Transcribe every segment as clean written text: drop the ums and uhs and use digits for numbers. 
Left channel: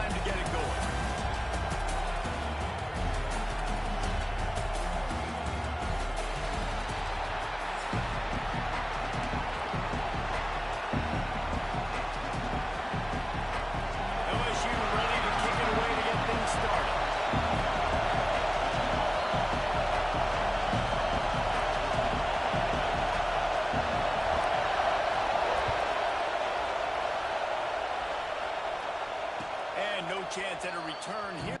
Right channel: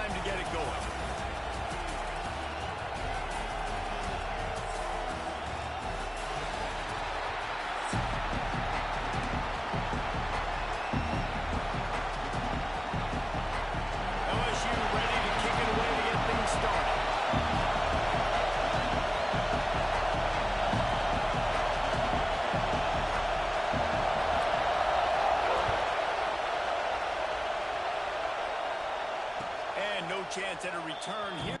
time to get it going. LSU ready to kick it away to get things started. And no chance at a return here.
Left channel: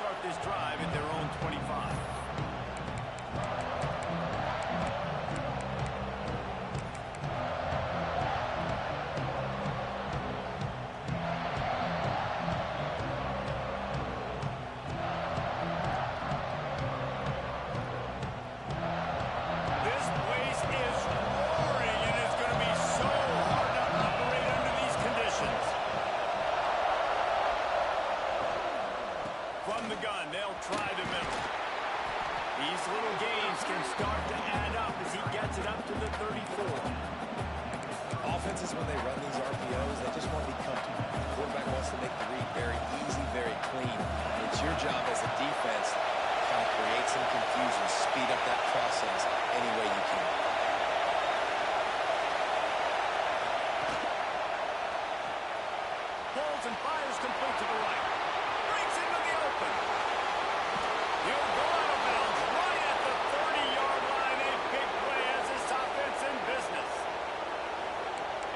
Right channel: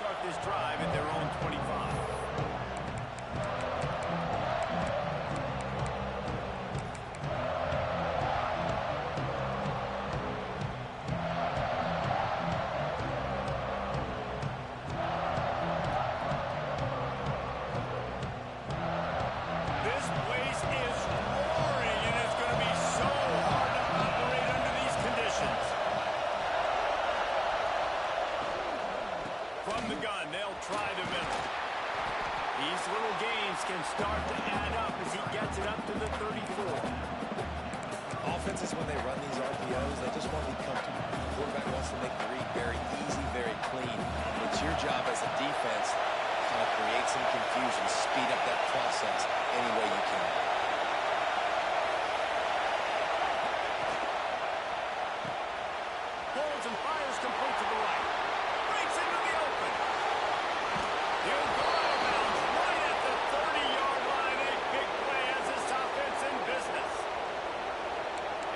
Start this drive at their own 25. This place is roaring, and it's going to be so hard to operate under these conditions. From the gun, they'll try the middle. These little gains can start to add up as he gets it up to the 34. Offenses, when they run these RPOs, they just want to be comfortable. The quarterback wants to make the read very easy, very clean. It's your job as a defense to kind of create some confusion, speed up that process any way you can. Pulls and fires complete to the right. Breaks into the open. He'll go out of bounds right at the 30-yard line. A big play as this offense in business.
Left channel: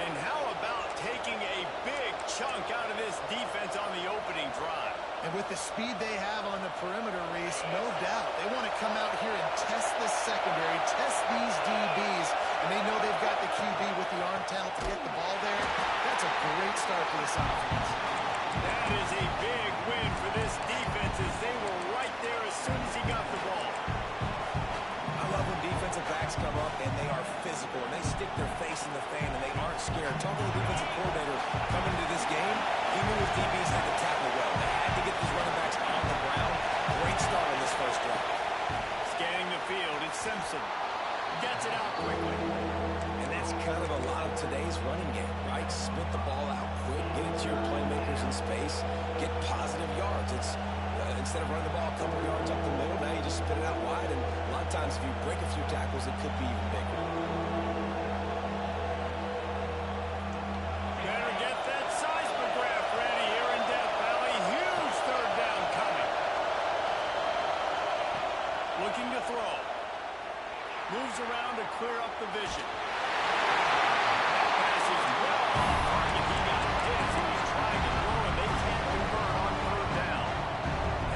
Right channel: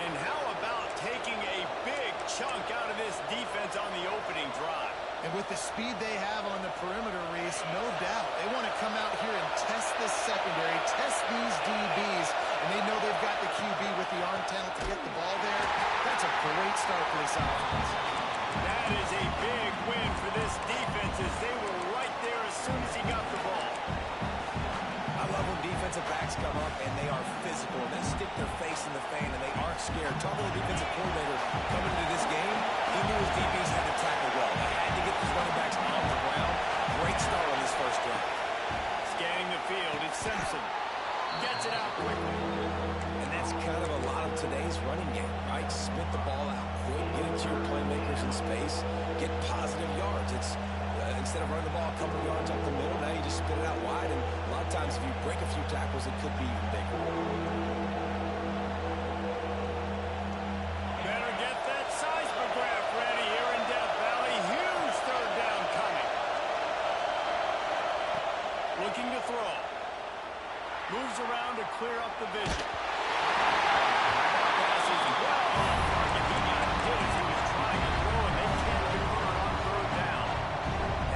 And how about taking a big chunk out of this defense on the opening drive? And with the speed they have on the perimeter, Reese, no doubt. They want to come out here and test this secondary, test these DBs, and they know they've got the QB with the arm talent to get the ball there. That's a great start for this offense. That is a big win for this defense as they were right there as soon as he got the ball. I love when defensive backs come up and they are physical and they stick their face in the fan and they aren't scared. Talking to the defensive coordinator coming into this game, he knew his DBs had to tackle well. They had to get these running backs on the ground. Great start on this first drive. Scanning the field, it's Simpson. Gets it out quickly. And that's kind of a lot of today's running game, right? Spit the ball out quick, get it to your playmakers in space, get positive yards. It's instead of running the ball a couple yards up the middle, now you just spit it out wide, and a lot of times if you break a few tackles, it could be even bigger. Better get that seismograph ready here in Death Valley. Huge third down coming. Looking to throw. Moves around to clear up the vision. That pass is well off target. He got hit as he was trying to throw, and they can't convert on third down.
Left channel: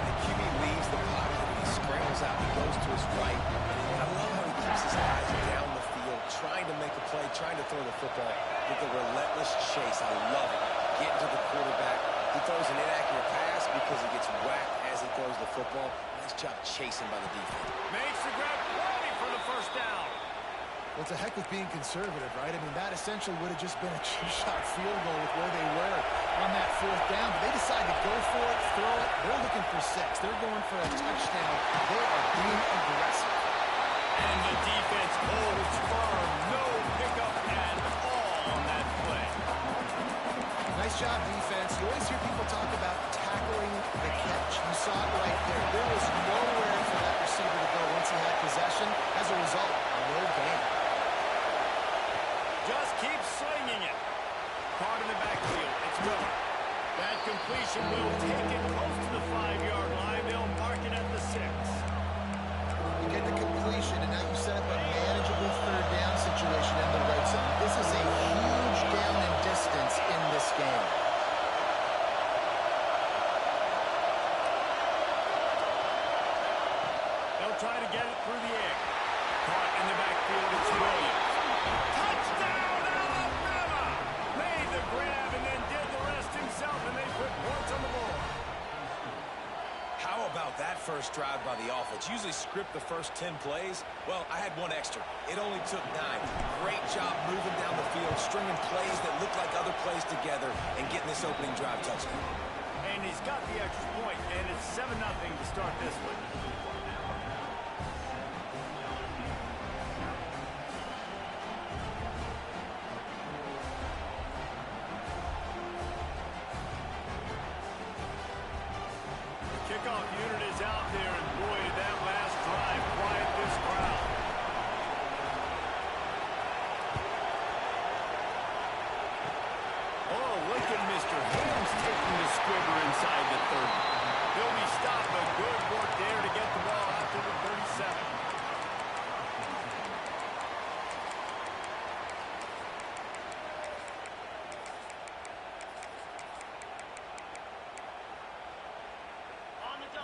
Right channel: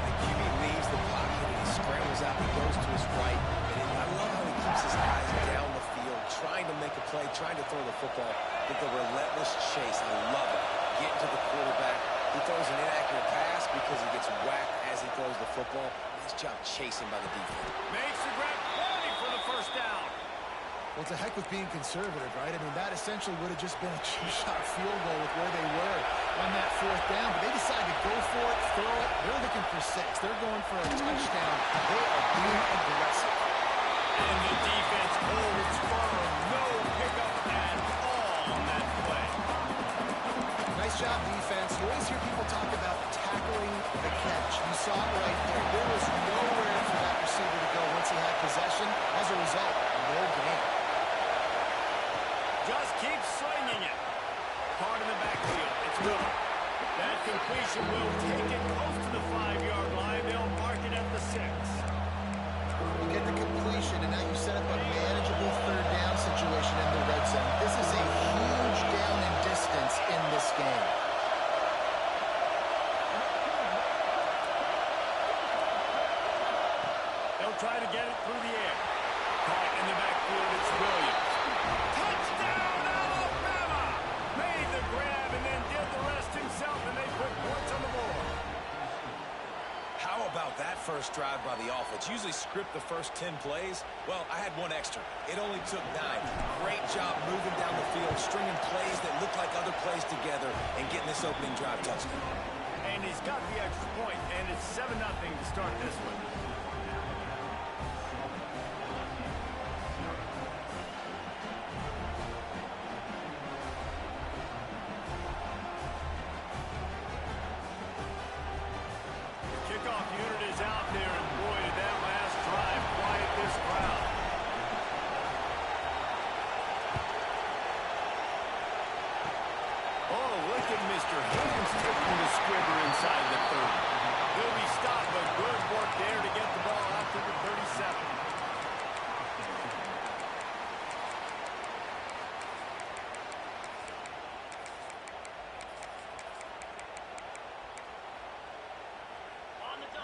And the QB leaves the pocket, and he scrambles out. He goes to his right. And I love how he keeps his eyes down the field, trying to make a play, trying to throw the football. Get the relentless chase. I love it. Getting to the quarterback. He throws an inaccurate pass because he gets whacked as he throws the football. Nice job chasing by the defense. Makes the grab, plenty for the first down. Well, it's a heck with being conservative, right? I mean, that essentially would have just been a two-shot field goal with where they were on that fourth down. But they decided to go for it, throw it. They're looking for 6. They're going for a touchdown. They are being aggressive. And the defense holds firm. No pickup at all on that play. Nice job, defense. You always hear people talk about tackling the catch. You saw it right there. There was nowhere for that receiver to go once he had possession. As a result, no gain. Just keep slinging it. Caught in the backfield. It's Miller. That completion will take it close to the 5-yard line. They'll mark it at the 6. You get the completion, and now you set up a manageable third down situation in the red zone. This is a huge down in distance in this game. They'll try to get it through the air. Caught in the backfield, it's Williams. Touchdown, Alabama! Made the grab and then did the rest himself, and they put points on the board. How about that first drive by the offense? Usually script the first 10 plays. Well, I had one extra. It only took 9. Great job moving down the field, stringing plays that look like other plays together, and getting this opening drive touchdown. And he's got the extra point, and it's 7-0 to start this one. Kickoff unit is out there, and boy, did that last drive quiet this crowd. Oh, look at Mr. Hands taking the squibber inside the 30. He'll be stopped, but good work there to get the ball out to the 37.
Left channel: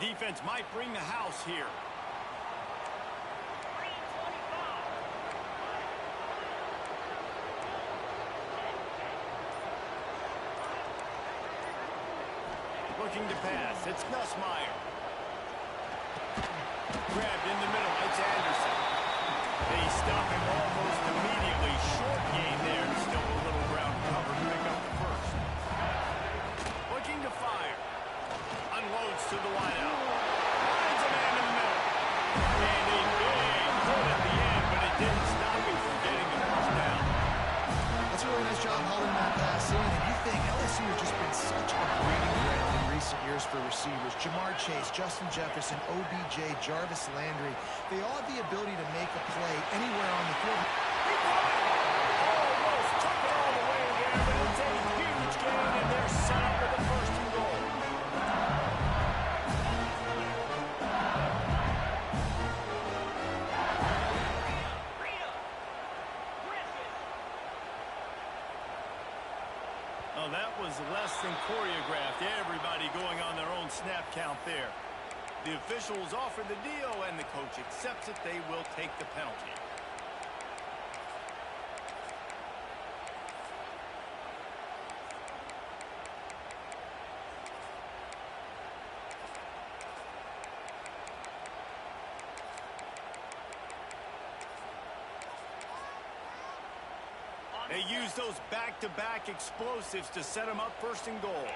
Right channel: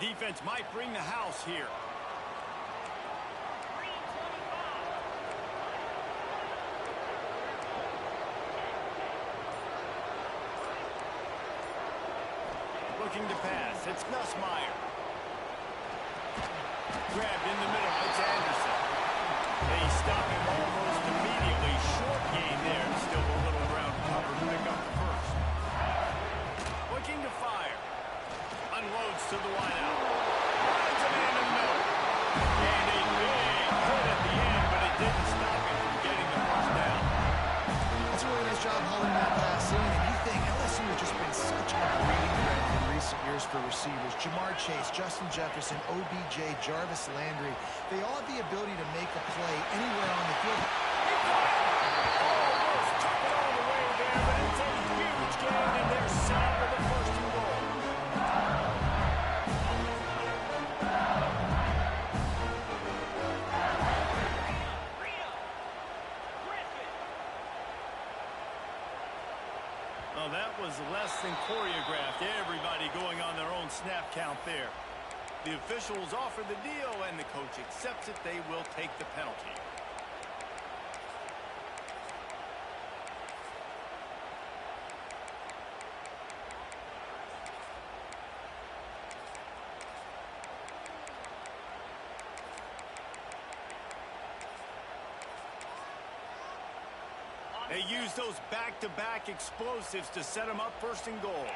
Defense might bring the house here. Looking to pass. It's Nussmeier. Grabbed in the middle. It's Anderson. They stop him almost immediately. Short gain there. And still a little ground cover to pick up the first. Looking to fire. Unloads to the wideout. Finds a man in the middle. And a big hit at the end, but it didn't stop him from getting the first down. That's a really nice job hauling that pass in. And you think LSU has just been such a breeding ground in recent years for receivers. Jamar Chase, Justin Jefferson, OBJ, Jarvis Landry. They all have the ability to make a play anywhere on the field. He caught it! Almost took it all the way there, but it's a huge gain, and they're set up with the first and goal. Oh, that was less than choreographed. Everybody going on their own snap count there. The officials offer the deal, and the coach accepts it. They will take the penalty. They use those back-to-back explosives to set them up first and goal.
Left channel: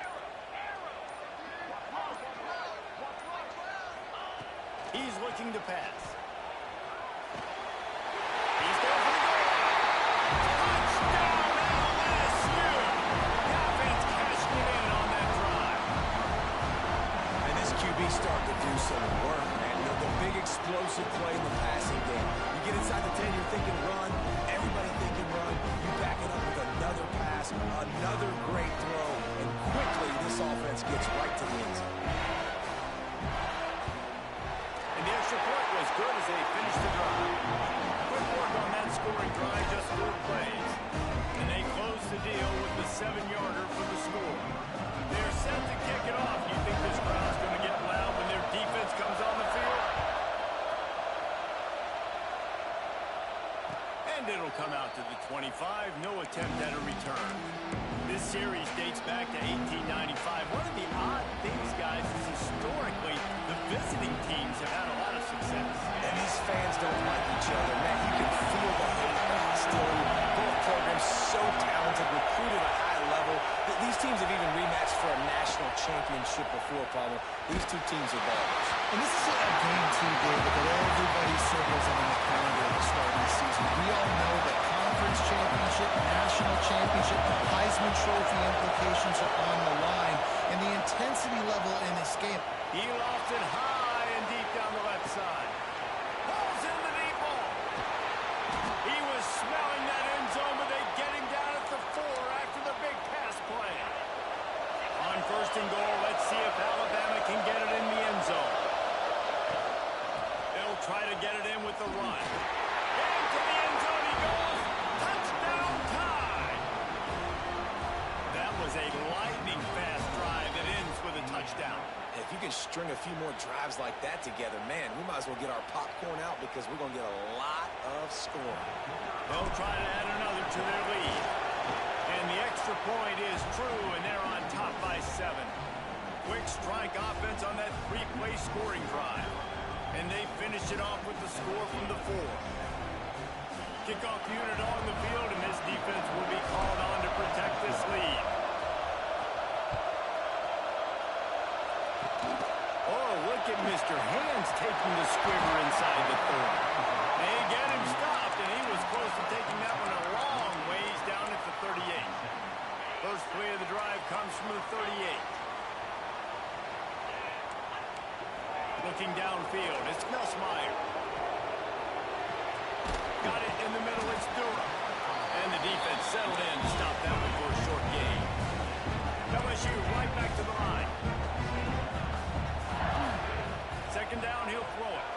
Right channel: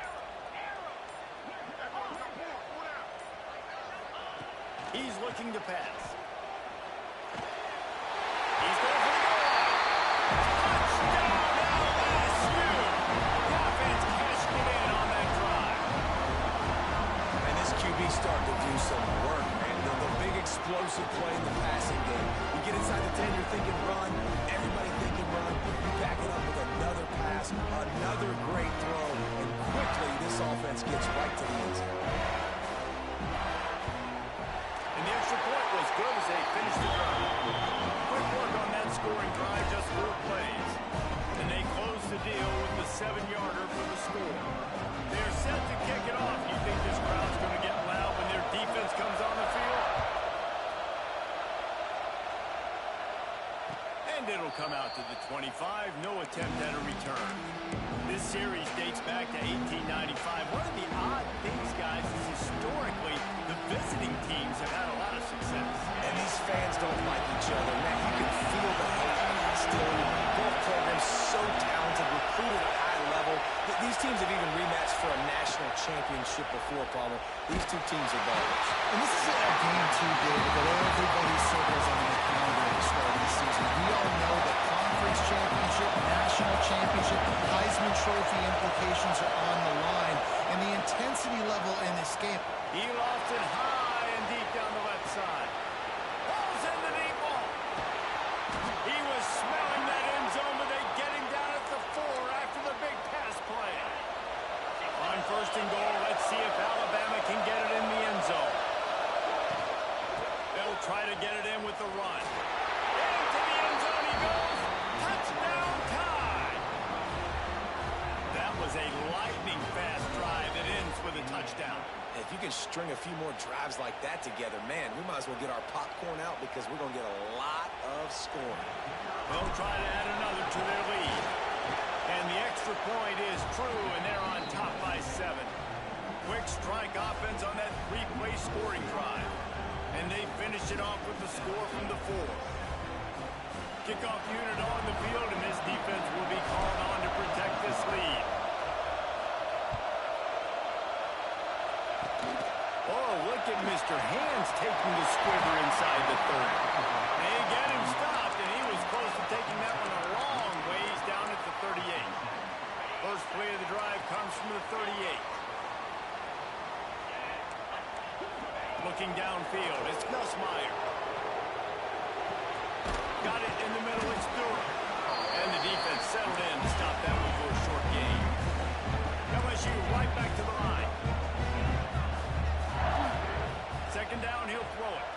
He's looking to pass. He's going for the goal line. Touchdown, LSU! The offense cashing it in on that drive. And this QB starting to do some work, man. The big explosive play in the passing game. You get inside the 10, you're thinking run. Everybody thinking run. You back it up with another pass, another great throw, and quickly this offense gets right to the end zone. And the extra point was good as they finished the drive. Quick work on that scoring drive, just 4 plays. And they close the deal with the 7-yarder for the score. They're set to kick it off. You think this crowd's going to get loud when their defense comes on the field? And it'll come out to the 25. No attempt at a return. This series dates back to 1895. One of the odd things, guys, is historically the visiting teams have had a lot of success. And these fans don't like each other. Man, you can feel the hate, the hostility. Both programs so talented, recruited at a high level. These teams have even rematched for a national championship before, Pablo. These two teams are ballers. And this is a game, too, David, that everybody circles on the calendar at the start of the season. We all know that conference championship, national championship, Heisman Trophy implications are on the line. And the intensity level in this game. He lost it high and deep down the left side. Pulls in the deep ball. He was smelling that end zone, but they get him down at the 4 after the big pass play. On first and goal, let's see if Alabama can get it in the end zone. They'll try to get it in with the run. Into the end zone he goes. Touchdown tie. That was a lightning fast drive that ends with a touchdown. If you can string a few more drives like that together, man, we might as well get our popcorn out because we're going to get a lot of scoring. They'll try to add another to their lead. And the extra point is true, and they're on top by 7. Quick strike offense on that 3-play scoring drive. And they finish it off with the score from the 4. Kickoff unit on the field, and this defense will be called on to protect this lead. Oh, look at Mr. Hands taking the squiver inside the 30. They get him stopped, and he was close to taking that one a long ways down at the 38. First play of the drive comes from the 38. Looking downfield, it's Nussmeier. Got it in the middle, it's Durham. And the defense settled in to stop that one for a short gain. LSU right back to the line. Second down, he'll throw it.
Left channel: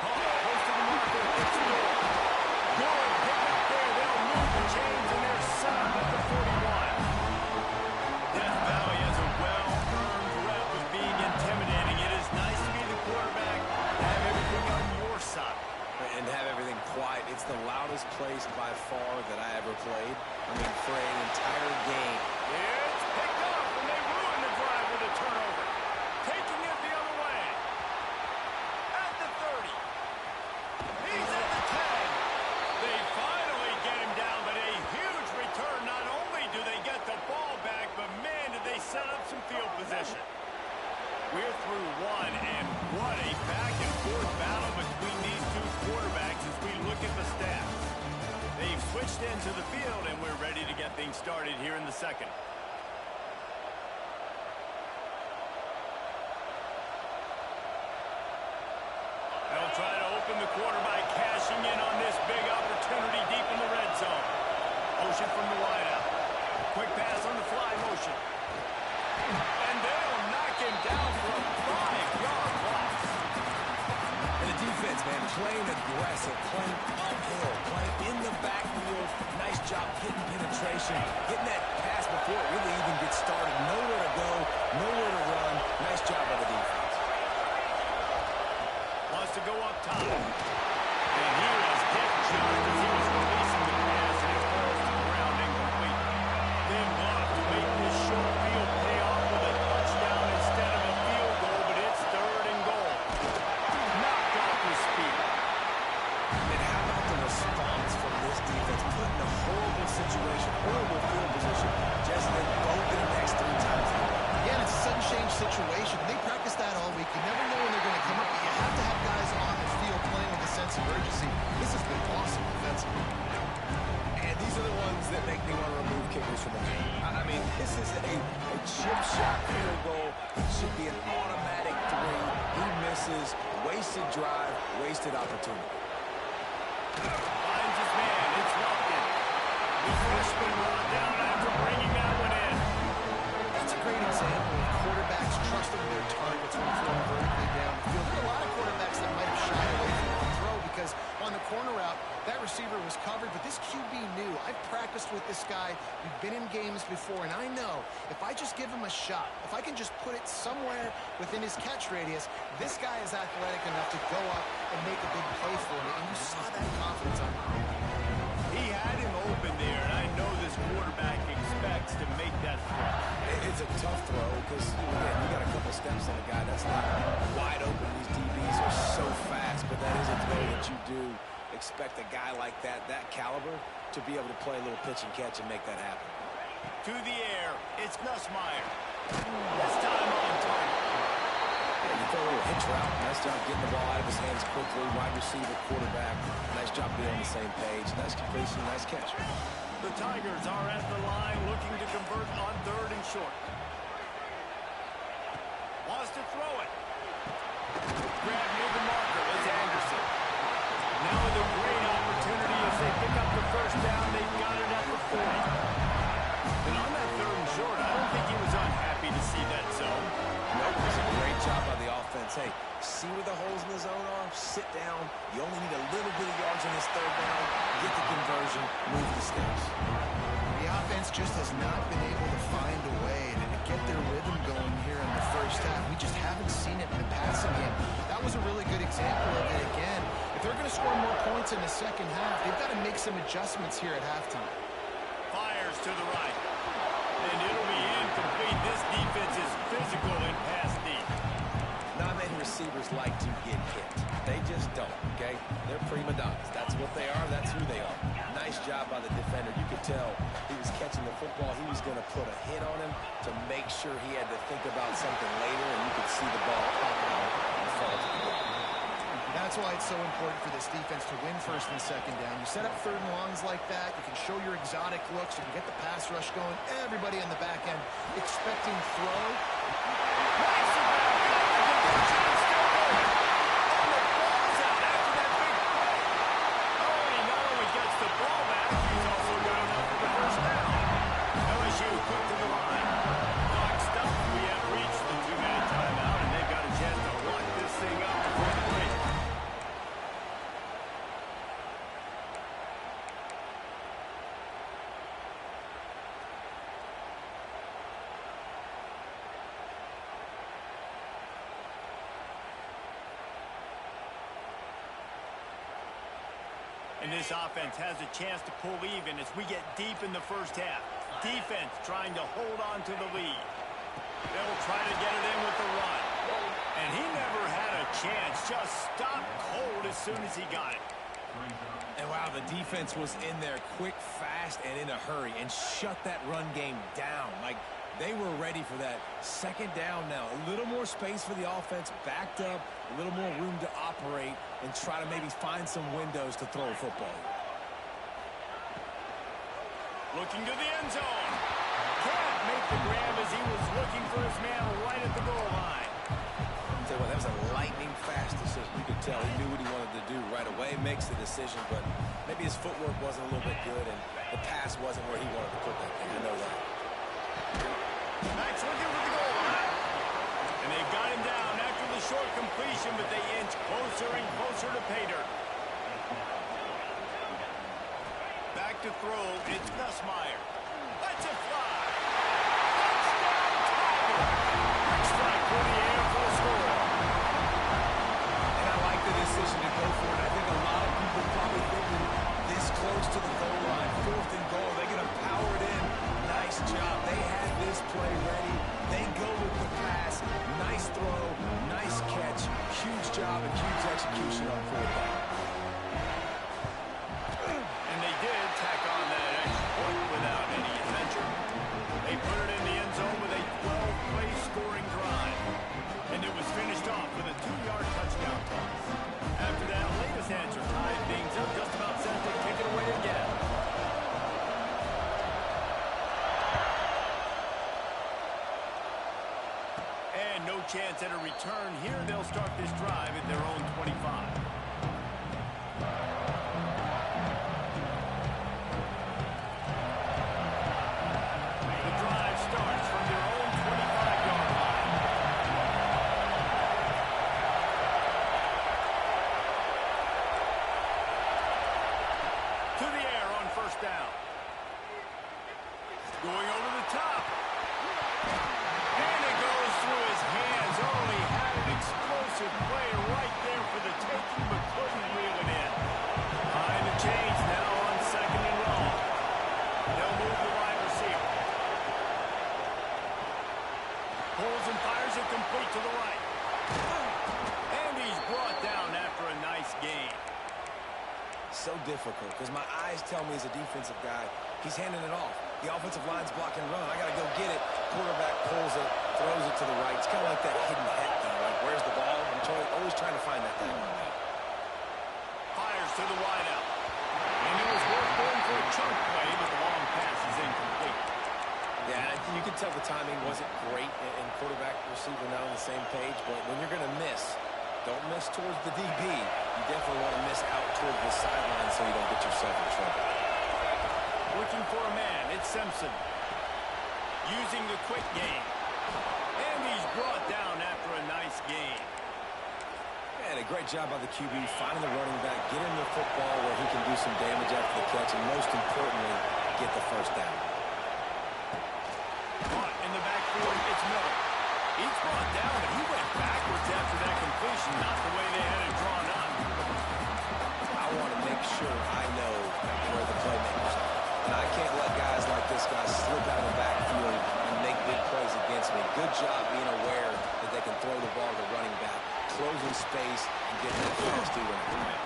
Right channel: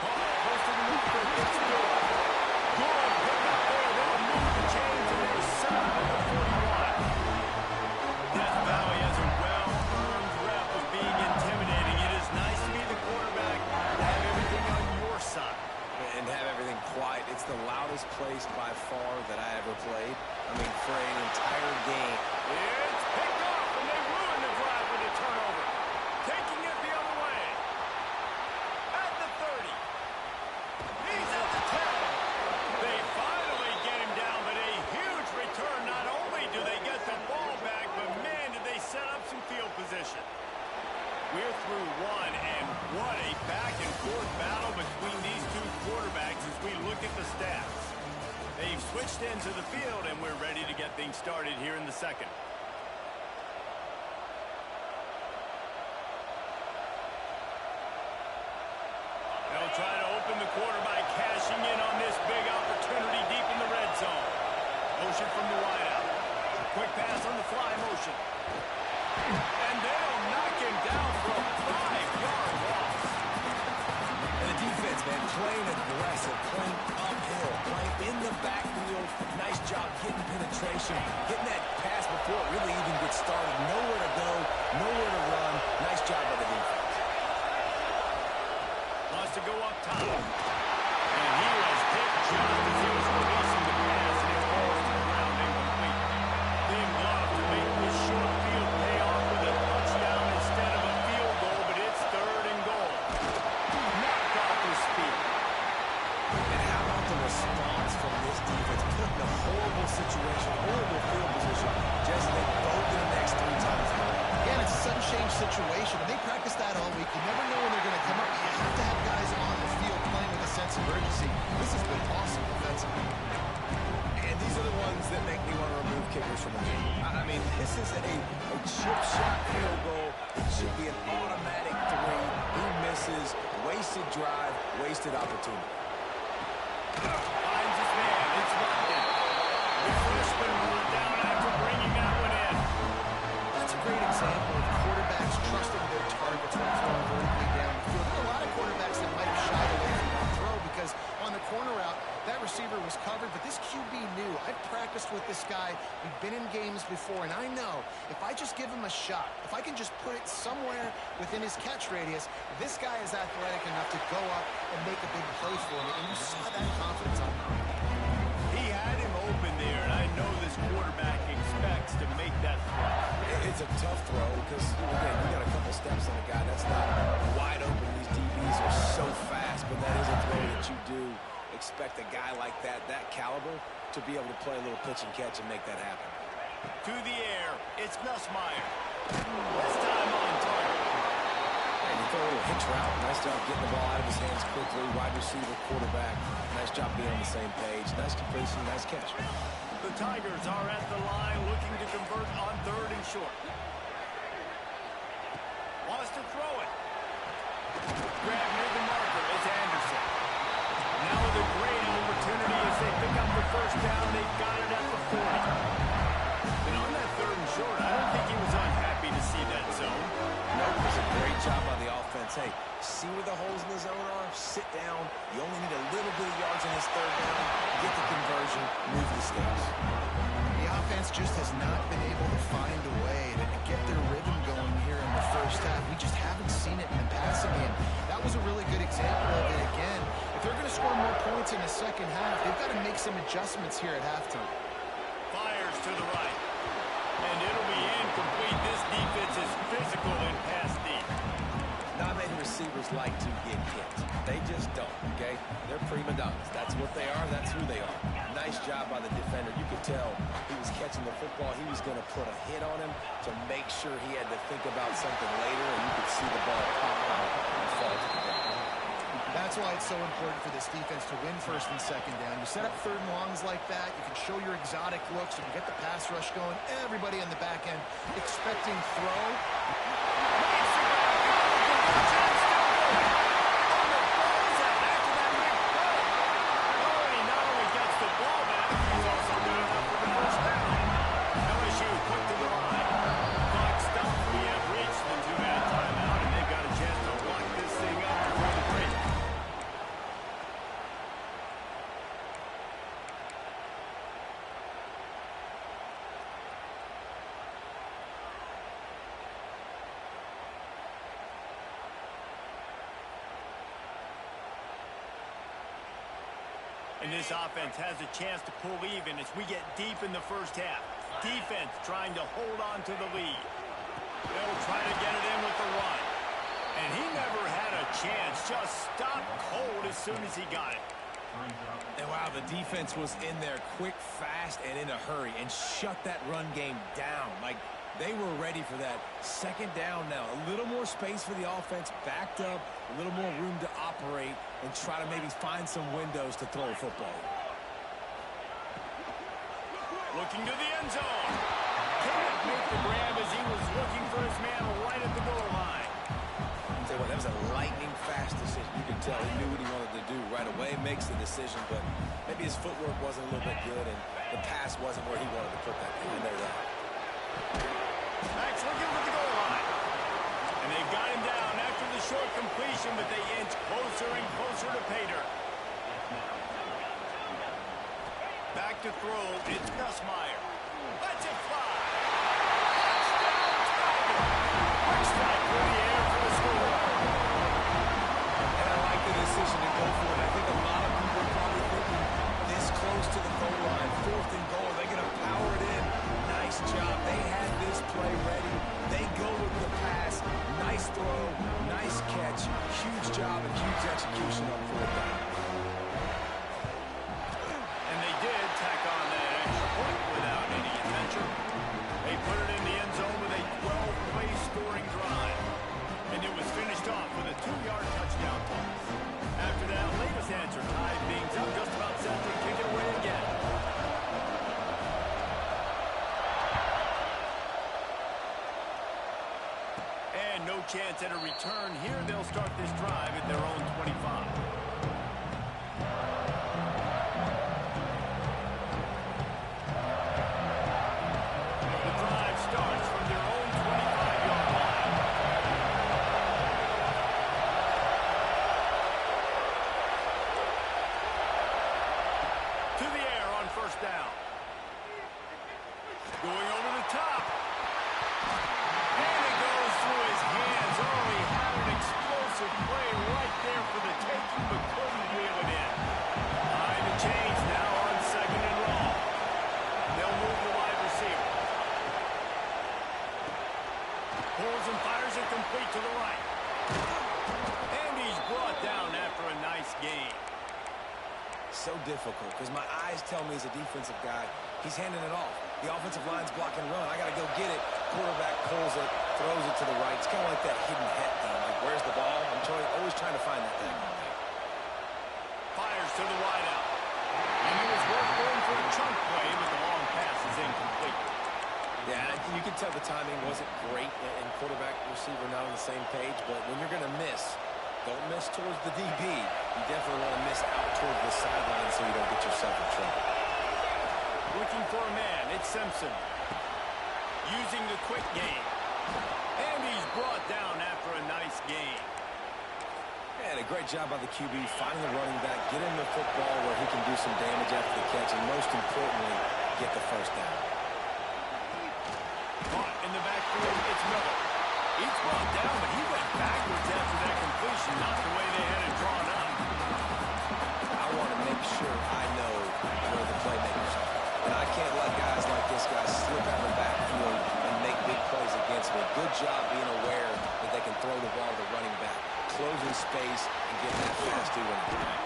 Close to the marker, it's Durham. Good pick up there. They'll move the chains, and they're set up at the 41. Death Valley has a well-earned rep of being intimidating. It is nice to be the quarterback, to have everything on your side. And have everything quiet. It's the loudest place by far that I ever played. I mean, for an entire game. It's picked off, and they ruin the drive with a turnover. Taking it the other way. At the 30. He's at the 10. They finally get him down, but a huge return. Not only do they get the ball back, but man, did they set up some field position. We're through one, and what a back-and-forth battle between these two quarterbacks as we look at the stats. They've switched into the field, and we're ready to get things started here in the second. They'll try to open the quarter by cashing in on this big opportunity deep in the red zone. Motion from the wideout. Quick pass on the fly motion. And they'll knock him down for a 5-yard loss. And the defense, man, playing aggressive, playing uphill, playing in the backfield. Nice job getting penetration, getting that pass before it really even gets started. Nowhere to go, nowhere to run. Nice job by the defense. Wants to go up top. And he was hit just as he was releasing the pass, and it falls to the ground incomplete. Thin glove to make this short field pay off with a touchdown instead of a field goal, but it's 3rd and goal. Knocked off his feet. And how about the response from this defense? Put in a horrible situation, horrible field position. Just they both in the next 3 times in a row. Again, it's a sudden change situation, and they practice that all week. You never know when they're going to come up, but you have to have guys on the field playing with a sense of urgency. This has been awesome defensively. And these are the ones that make me want to remove kickers from the game. I mean, this is a chip shot field goal. It should be an automatic 3. He misses. Wasted drive, wasted opportunity. Finds his man. It's Lupton. The freshman brought down after bringing that one in. That's a great example of quarterbacks trusting their targets when throwing vertically down the field. There are a lot of quarterbacks that might have shied away from that throw because on the corner route, that receiver was covered, but this QB knew. I've practiced with this guy. We've been in games before, and I know if I just give him a shot, if I can just put it somewhere within his catch radius, this guy is athletic enough to go up and make a big play for me, and you saw that confidence on him. He had him open there, and I know this quarterback expects to make that throw. It's a tough throw because, again, you got a couple steps on a guy. That's not wide open. These DBs are so fast, but that is a throw that you do expect a guy like that caliber, to be able to play a little pitch and catch and make that happen. To the air, it's Nussmeier. This time on target. And you throw a little hitch route. Nice job getting the ball out of his hands quickly. Wide receiver, quarterback. Nice job being on the same page. Nice completion, nice catch. The Tigers are at the line looking to convert on 3rd and short. Wants to throw it. Grab near the marker is Anderson. Now with a great opportunity as they pick up the first down. They've got it at the 40. And on that 3rd and short, I don't think he was unhappy to see that zone. Nope, it was a great job by the offense. Hey, see where the holes in the zone are? Sit down. You only need a little bit of yards on this 3rd down. Get the conversion. Move the sticks. The offense just has not been able to find a way to get their rhythm going here in the first half. We just haven't seen it in the passing game. That was a really good example of it again. If they're going to score more points in the second half, they've got to make some adjustments here at halftime. Fires to the right. And it'll be incomplete. This defense is physical in pass deep. Not many receivers like to get hit. They just don't, okay? They're prima donnas. That's what they are. That's who they are. Nice job by the defender. You could tell he was catching the football. He was going to put a hit on him to make sure he had to think about something later, and you could see the ball pop out and fall to the ground. That's why it's so important for this defense to win first and second down. You set up third and longs like that. You can show your exotic looks. You can get the pass rush going. Everybody on the back end expecting throw. Nice grab. Got the conversion. Still going. Oh, the ball's out after that big play. Oh, and he not only gets the ball back, he's also got enough for the first down. LSU quick to the line. Clock stopped. We have reached the 2-minute timeout, and they've got a chance to lock this thing up before the break. And this offense has a chance to pull even as we get deep in the first half. Defense trying to hold on to the lead. They'll try to get it in with the run. And he never had a chance. Just stopped cold as soon as he got it. And wow, the defense was in there quick, fast, and in a hurry and shut that run game down. Like, they were ready for that. Second down now. A little more space for the offense, backed up, a little more room to operate and try to maybe find some windows to throw a football. Looking to the end zone. Can't make the grab as he was looking for his man right at the goal line. I'll tell you what, that was a lightning-fast decision. You could tell he knew what he wanted to do right away, makes the decision, but maybe his footwork wasn't a little bit good and the pass wasn't where he wanted to put that thing. I know that. Max looking for the goal line. And they've got him down after the short completion, but they inch closer and closer to pay dirt. Back to throw, it's Nussmeier. Lets it fly. Touchdown, Tiger. Quick strike through the air for the score. And I like the decision to go for it. I think a lot of people probably thinking this close to the goal line, 4th and goal, they're going to power it in. Nice job. They had this play ready. They go with the pass. Nice throw, nice catch. Huge job and huge execution on 4th down. And they did tack on that extra point without any adventure. They put it in the end zone with a 12-play scoring drive. And it was finished off with a 2-yard touchdown toss. After that latest answer tied things up, just about set to kick it away again. And no chance at a return here. They'll start this drive at their own 25. The drive starts from their own 25-yard line. To the air on first down. Going over the top. And it goes through his hands. Oh, he had an explosive play right there for the taking, but couldn't reel it in. Behind the chains now on 2nd and long. They'll move the wide receiver. Pulls and fires it complete to the right. And he's brought down after a nice gain. So difficult because my eyes tell me as a defensive guy, he's handing it off. The offensive line's block and run. I got to go get it. Quarterback pulls it, throws it to the right. It's kind of like that hidden head thing. Like, where's the ball? I'm always trying to find that thing. Fires to the wideout. And it was worth going for a chunk play, but the long pass is incomplete. Yeah, you can tell the timing wasn't great, and quarterback receiver not on the same page, but when you're going to miss, don't miss towards the DB. You definitely want to miss out towards the sideline so you don't get yourself in trouble. Looking for a man, it's Simpson. Using the quick game. And he's brought down after a nice gain. And a great job by the QB, finding the running back, get him the football where he can do some damage after the catch, and most importantly, get the first down. It's Miller. He's brought down, but he went backwards after that completion, not the way they had it drawn up. I want to make sure I know where the playmakers are. And I can't let guys like this guy slip out of the backfield and make big plays against me. Good job being aware that they can throw the ball to the running back, closing space, and getting that fast dude in the ground.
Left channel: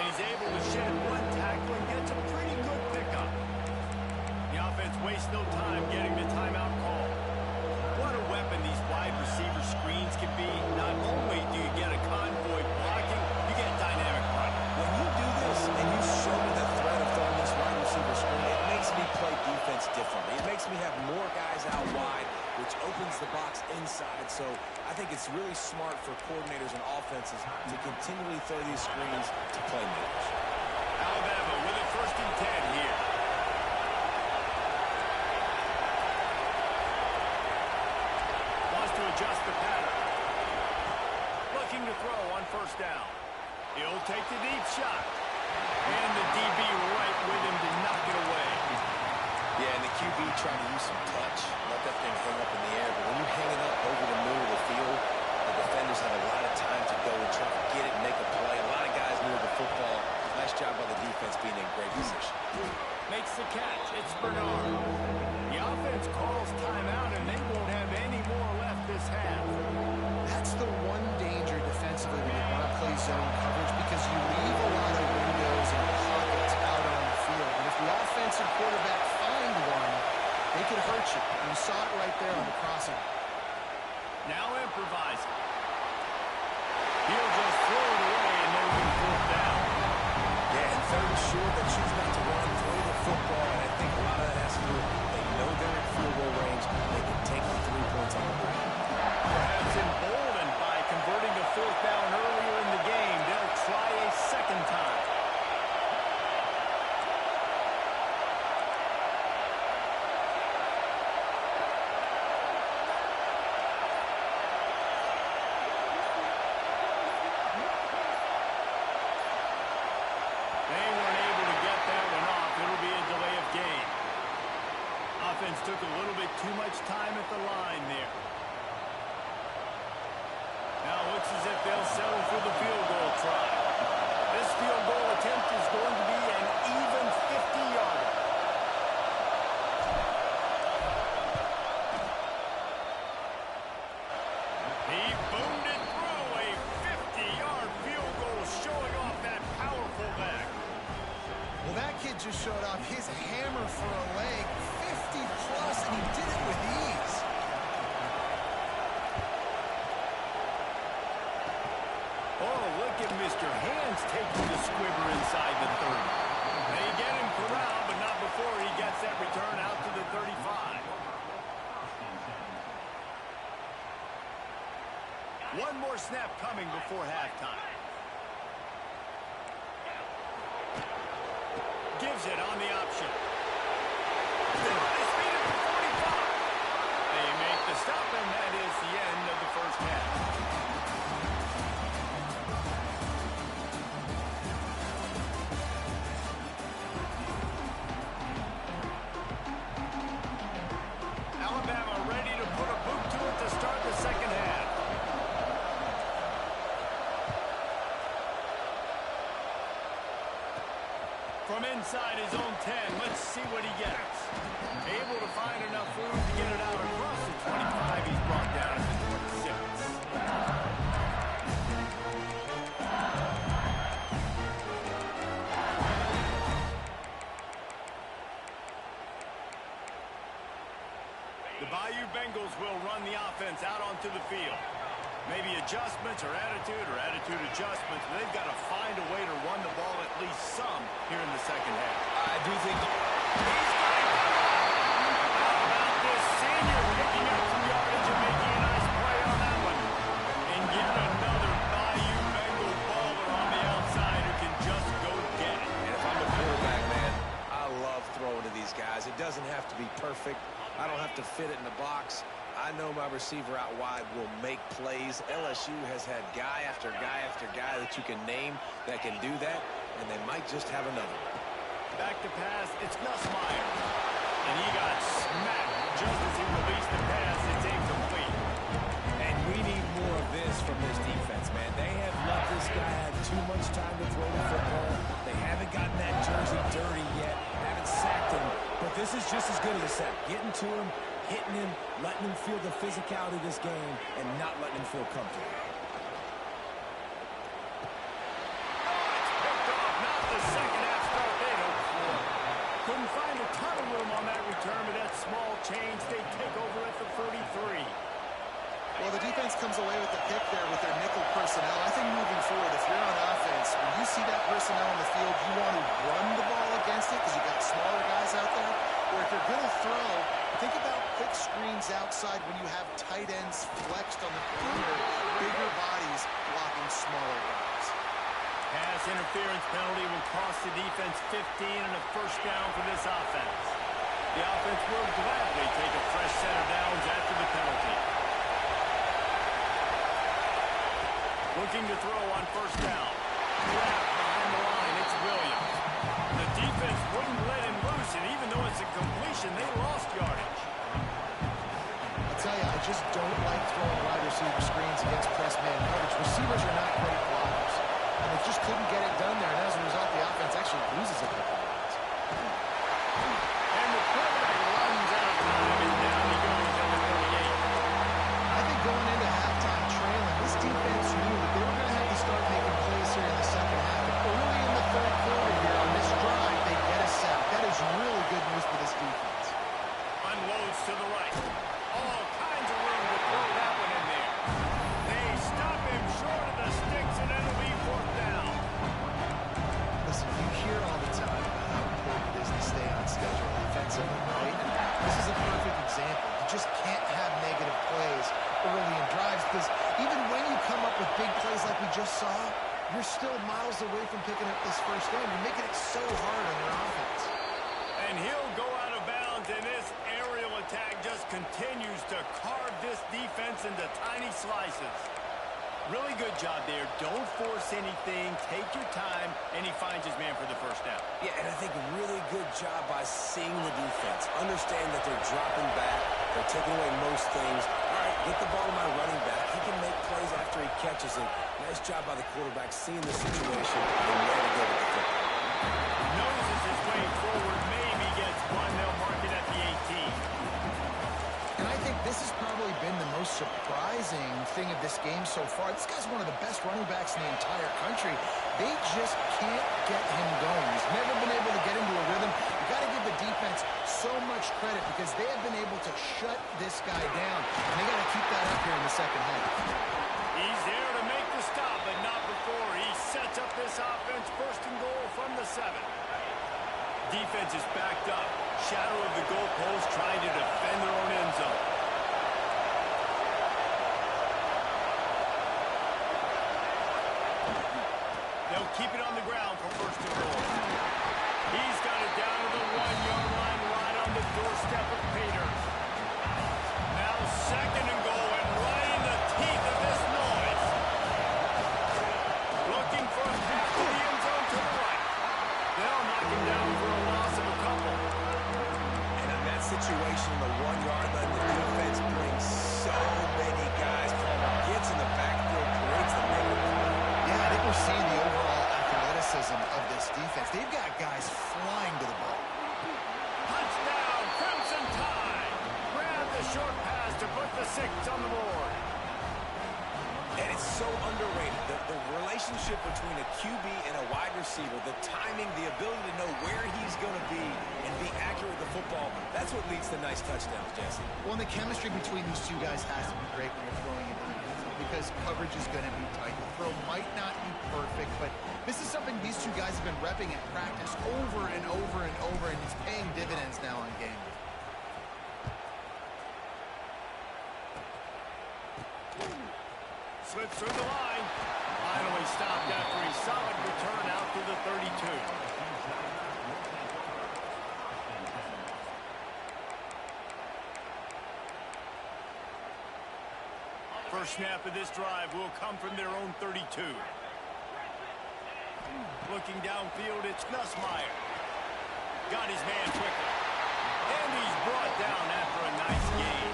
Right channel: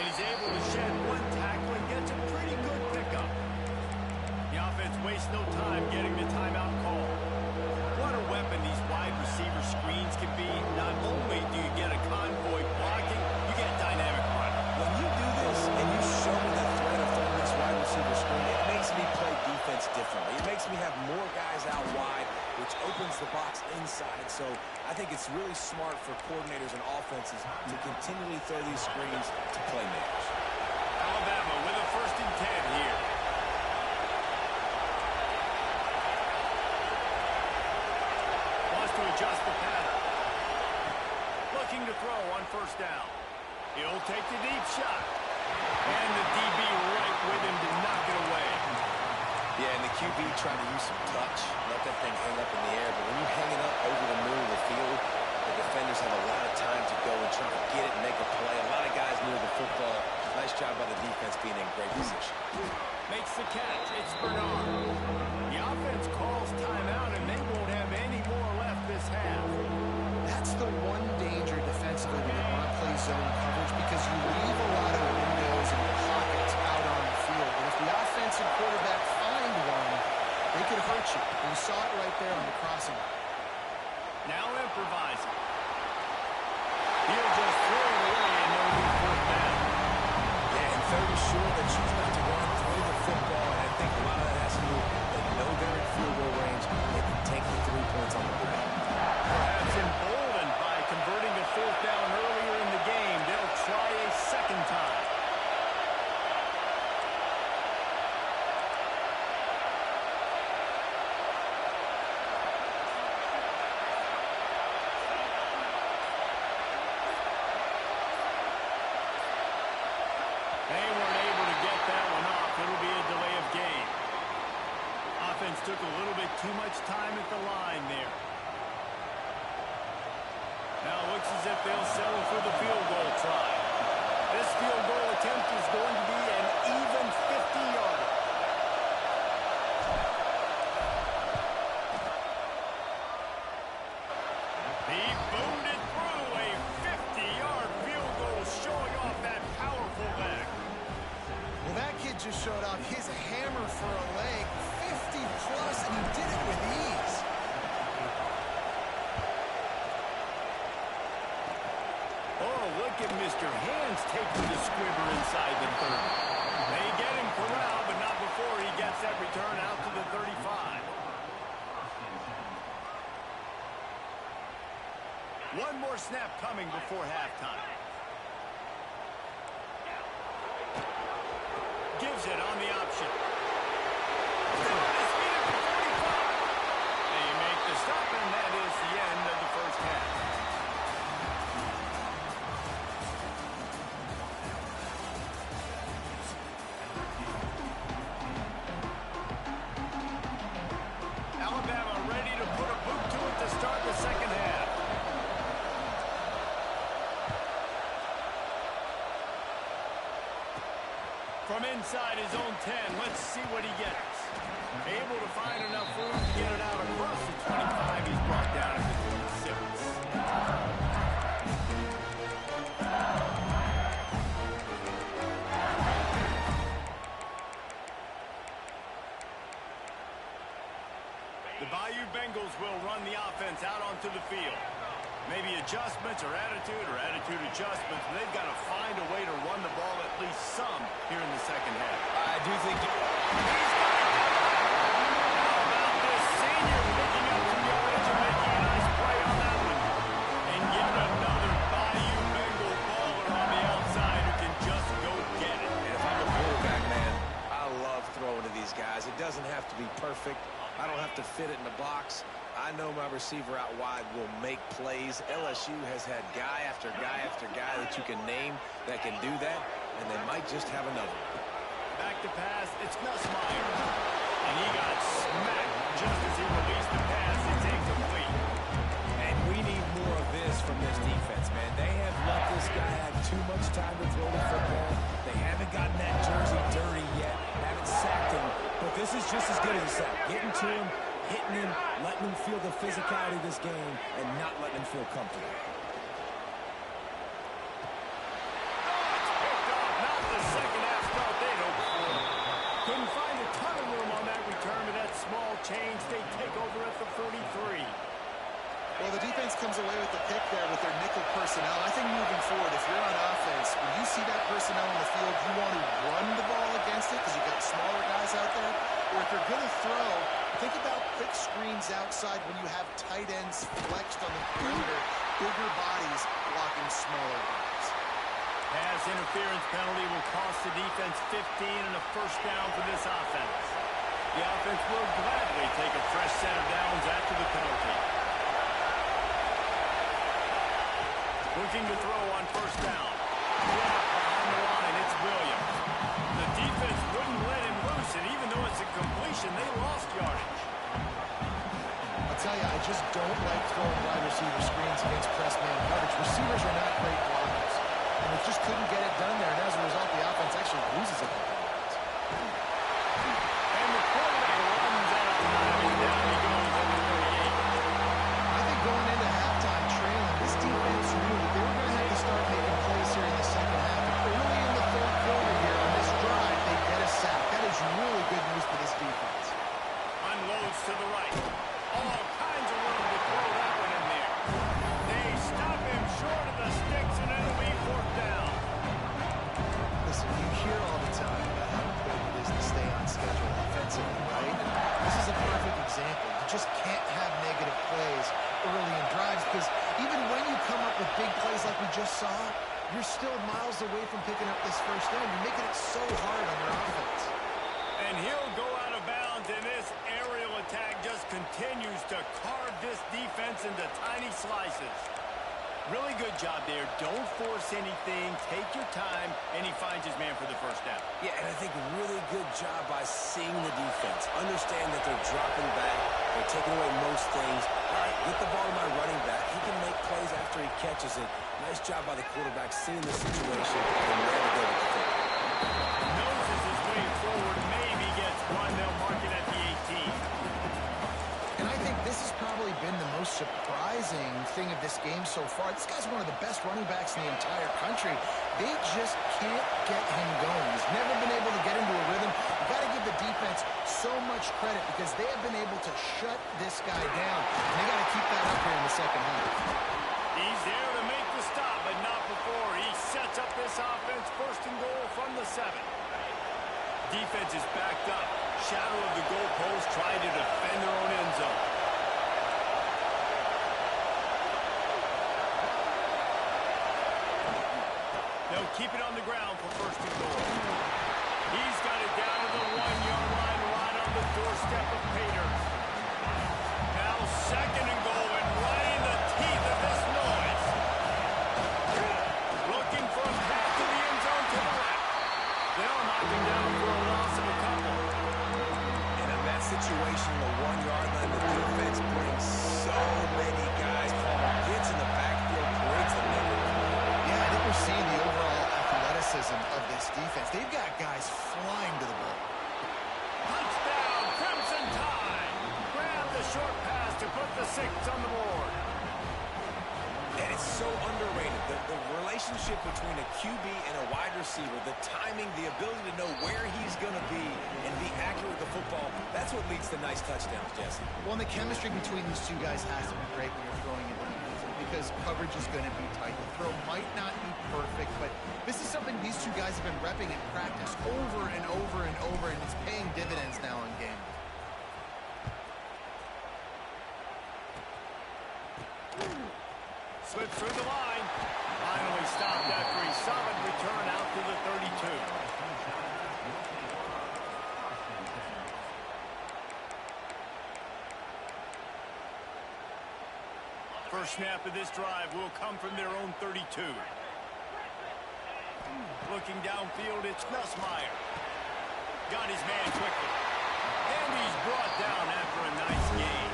And he's able to shed one tackle and gets a pretty good pickup. The offense wastes no time getting the timeout call. What a weapon these wide receiver screens can be. Not only do you get a convoy blocking, you get dynamic running. When you do this and you show me the threat of throwing this wide receiver screen, it makes me play defense differently. It makes me have more guys out wide, which opens the box inside. So I think it's really smart for coordinators and offenses to continually throw these screens to playmakers. Alabama with a 1st and 10 here. Wants to adjust the pattern. Looking to throw on 1st down. He'll take the deep shot. And the DB right with him to knock it away. Yeah, and the QB tried to use some touch, let that thing hang up in the air. But when you hang it up over the middle of the field, the defenders have a lot of time to go and try to get it and make a play. A lot of guys near the football. Nice job by the defense being in great position. Makes the catch. It's Bernard. The offense calls timeout, and they won't have any more left this half. That's the one danger defensively when you want to play zone coverage, because you leave a lot of windows and pockets out on the field. And if the offensive quarterback find one, they could hurt you. And you saw it right there on the crossing. Now improvising. He'll just throw it away, and it'll be 4th down. Yeah, and 3rd and short, they choose not to run, throw the football, and I think a lot of that has to do with they know they're in field goal range. They can take the 3 points on the board. Perhaps emboldened by converting a 4th down earlier in the game, they'll try a 2nd time. They weren't able to get that one off. It'll be a delay of game. Offense took a little bit too much time at the line there. Now it looks as if they'll settle for the field goal try. This field goal attempt is going to be an even 50-yarder. He boomed it through. A 50-yard field goal showing off that powerful leg. Well, that kid just showed off his hammer for a leg, 50-plus, and he did it with ease. Oh, look at Mr. Hands taking the squibber inside the 30. They get him corralled, but not before he gets that return out to the 35. One more snap coming before halftime. Gives it on the option. Still on his feet at the 45. They make the stop, and that is the end of the 1st half. Alabama ready to put a boot to it to start the 2nd half. From inside his own 10, let's see what he gets. Able to find enough room to get it out across the 25. He's brought down at the 26. The Bayou Bengals will run the offense out onto the field. Maybe adjustments or attitude adjustments. But they've got to find a way to run the ball at least some here in the 2nd half. I do think He's got it covered. How about this senior picking up some yardage and making a nice play on that one? And yet another Bayou Bengal baller on the outside who can just go get it. And if I'm a quarterback, man, I love throwing to these guys. It doesn't have to be perfect. I don't have to fit it in the box. I know my receiver out wide will make plays. LSU has had guy after guy after guy that you can name that can do that, and they might just have another one. Back to pass, it's Nussmeier. And he got smacked just as he released the pass, it's incomplete. And we need more of this from this defense, man. They have let this guy have too much time to throw the football. They haven't gotten that jersey dirty yet, haven't sacked him. But this is just as good as a sack. Getting to him, hitting him, letting him feel the physicality of this game, and not letting him feel comfortable. Oh, it's picked off. Not the second half start they'd hoped for. Couldn't find a ton of room on that return, but that small change, they take over at the 43. Well, the defense comes away with the pick there with their nickel personnel. I think moving forward, if you're on offense, when you see that personnel on the field, you want to run the ball against it because you've got smaller guys out there. Or if you're going to throw, think about quick screens outside when you have tight ends flexed on the perimeter, bigger bodies blocking smaller guys. Pass interference penalty will cost the defense 15 and a first down for this offense. The offense will gladly take a fresh set of downs after the penalty. Looking to throw on first down. Yeah, behind the line, it's Williams. The defense wouldn't let him loose, and even though it's a completion, they lost yardage. I'll tell you, I just don't like throwing wide receiver screens against press man coverage. Receivers are not great blockers, and they just couldn't get it done there, and as a result, the offense actually loses a couple of yards. And the quarterback runs out of time, and down he goes at the 38. I think going into halftime trailing, this defense knew that they were going to have to start making plays here in the second half. And early in the third quarter here on this drive, they get a sack. That is really good news for this defense. Unloads to the right. All kinds of room to throw that one in there. They stop him short of the sticks, and it'll be fourth down. Listen, you hear all the time about how important it is to stay on schedule offensively, right? And this is a perfect example. You just can't have negative plays early in drives because even when you come up with big plays like we just saw, you're still miles away from picking up this first down. You're making it so hard on your offense. And he'll go out of bounds, and this aerial attack just continues to carve this defense into tiny slices. Really good job there. Don't force anything. Take your time, and he finds his man for the first down. Yeah, and I think really good job by seeing the defense. Understand that they're dropping back. They're taking away most things. All right, get the ball to my running back. He can make plays after he catches it. Nice job by the quarterback seeing the situation and where to go with the football. Noses his way forward. Maybe gets one. They'll mark it at the 18. And I think this has probably been the most surprising thing of this game so far. This guy's one of the best running backs in the entire country. They just can't get him going. He's never been able to get into a rhythm. You got to give the defense so much credit because they have been able to shut this guy down. And they got to keep that up here in the second half. He's there to make the stop, but not before. He sets up this offense first and goal from the 7. Defense is backed up. Shadow of the goalpost trying to defend their own end zone. They'll keep it on the ground for first and goal. He's got it down to the 1-yard line right on the doorstep of Pater. Now second and goal and right in the teeth of this noise. Looking for a path to the end zone to the right. They'll knock him down for a loss of a couple. And in that situation, the 1-yard line, the defense brings so many guys. Palmer gets in the backfield, creates the negative play. Yeah, I think we're seeing the overall athleticism of this defense. They've got guys flying to the ball. Touchdown, Crimson Tide. Grab the short pass to put the 6 on the board. And it's so underrated. The relationship between a QB and a wide receiver, the timing, the ability to know where he's going to be and be accurate with the football, that's what leads to nice touchdowns, Jesse. Well, and the chemistry between these two guys has to be great when you're throwing it in the end zone because coverage is going to be tight. The throw might not be perfect, but this is something these two guys have been repping in practice over and over and over, and it's paying dividends now on game day. Slips through the line. Finally stopped after a solid return out to the 32. First snap of this drive will come from their own 32. Looking downfield, it's Nussmeier. Got his man quickly. And he's brought down after a nice gain.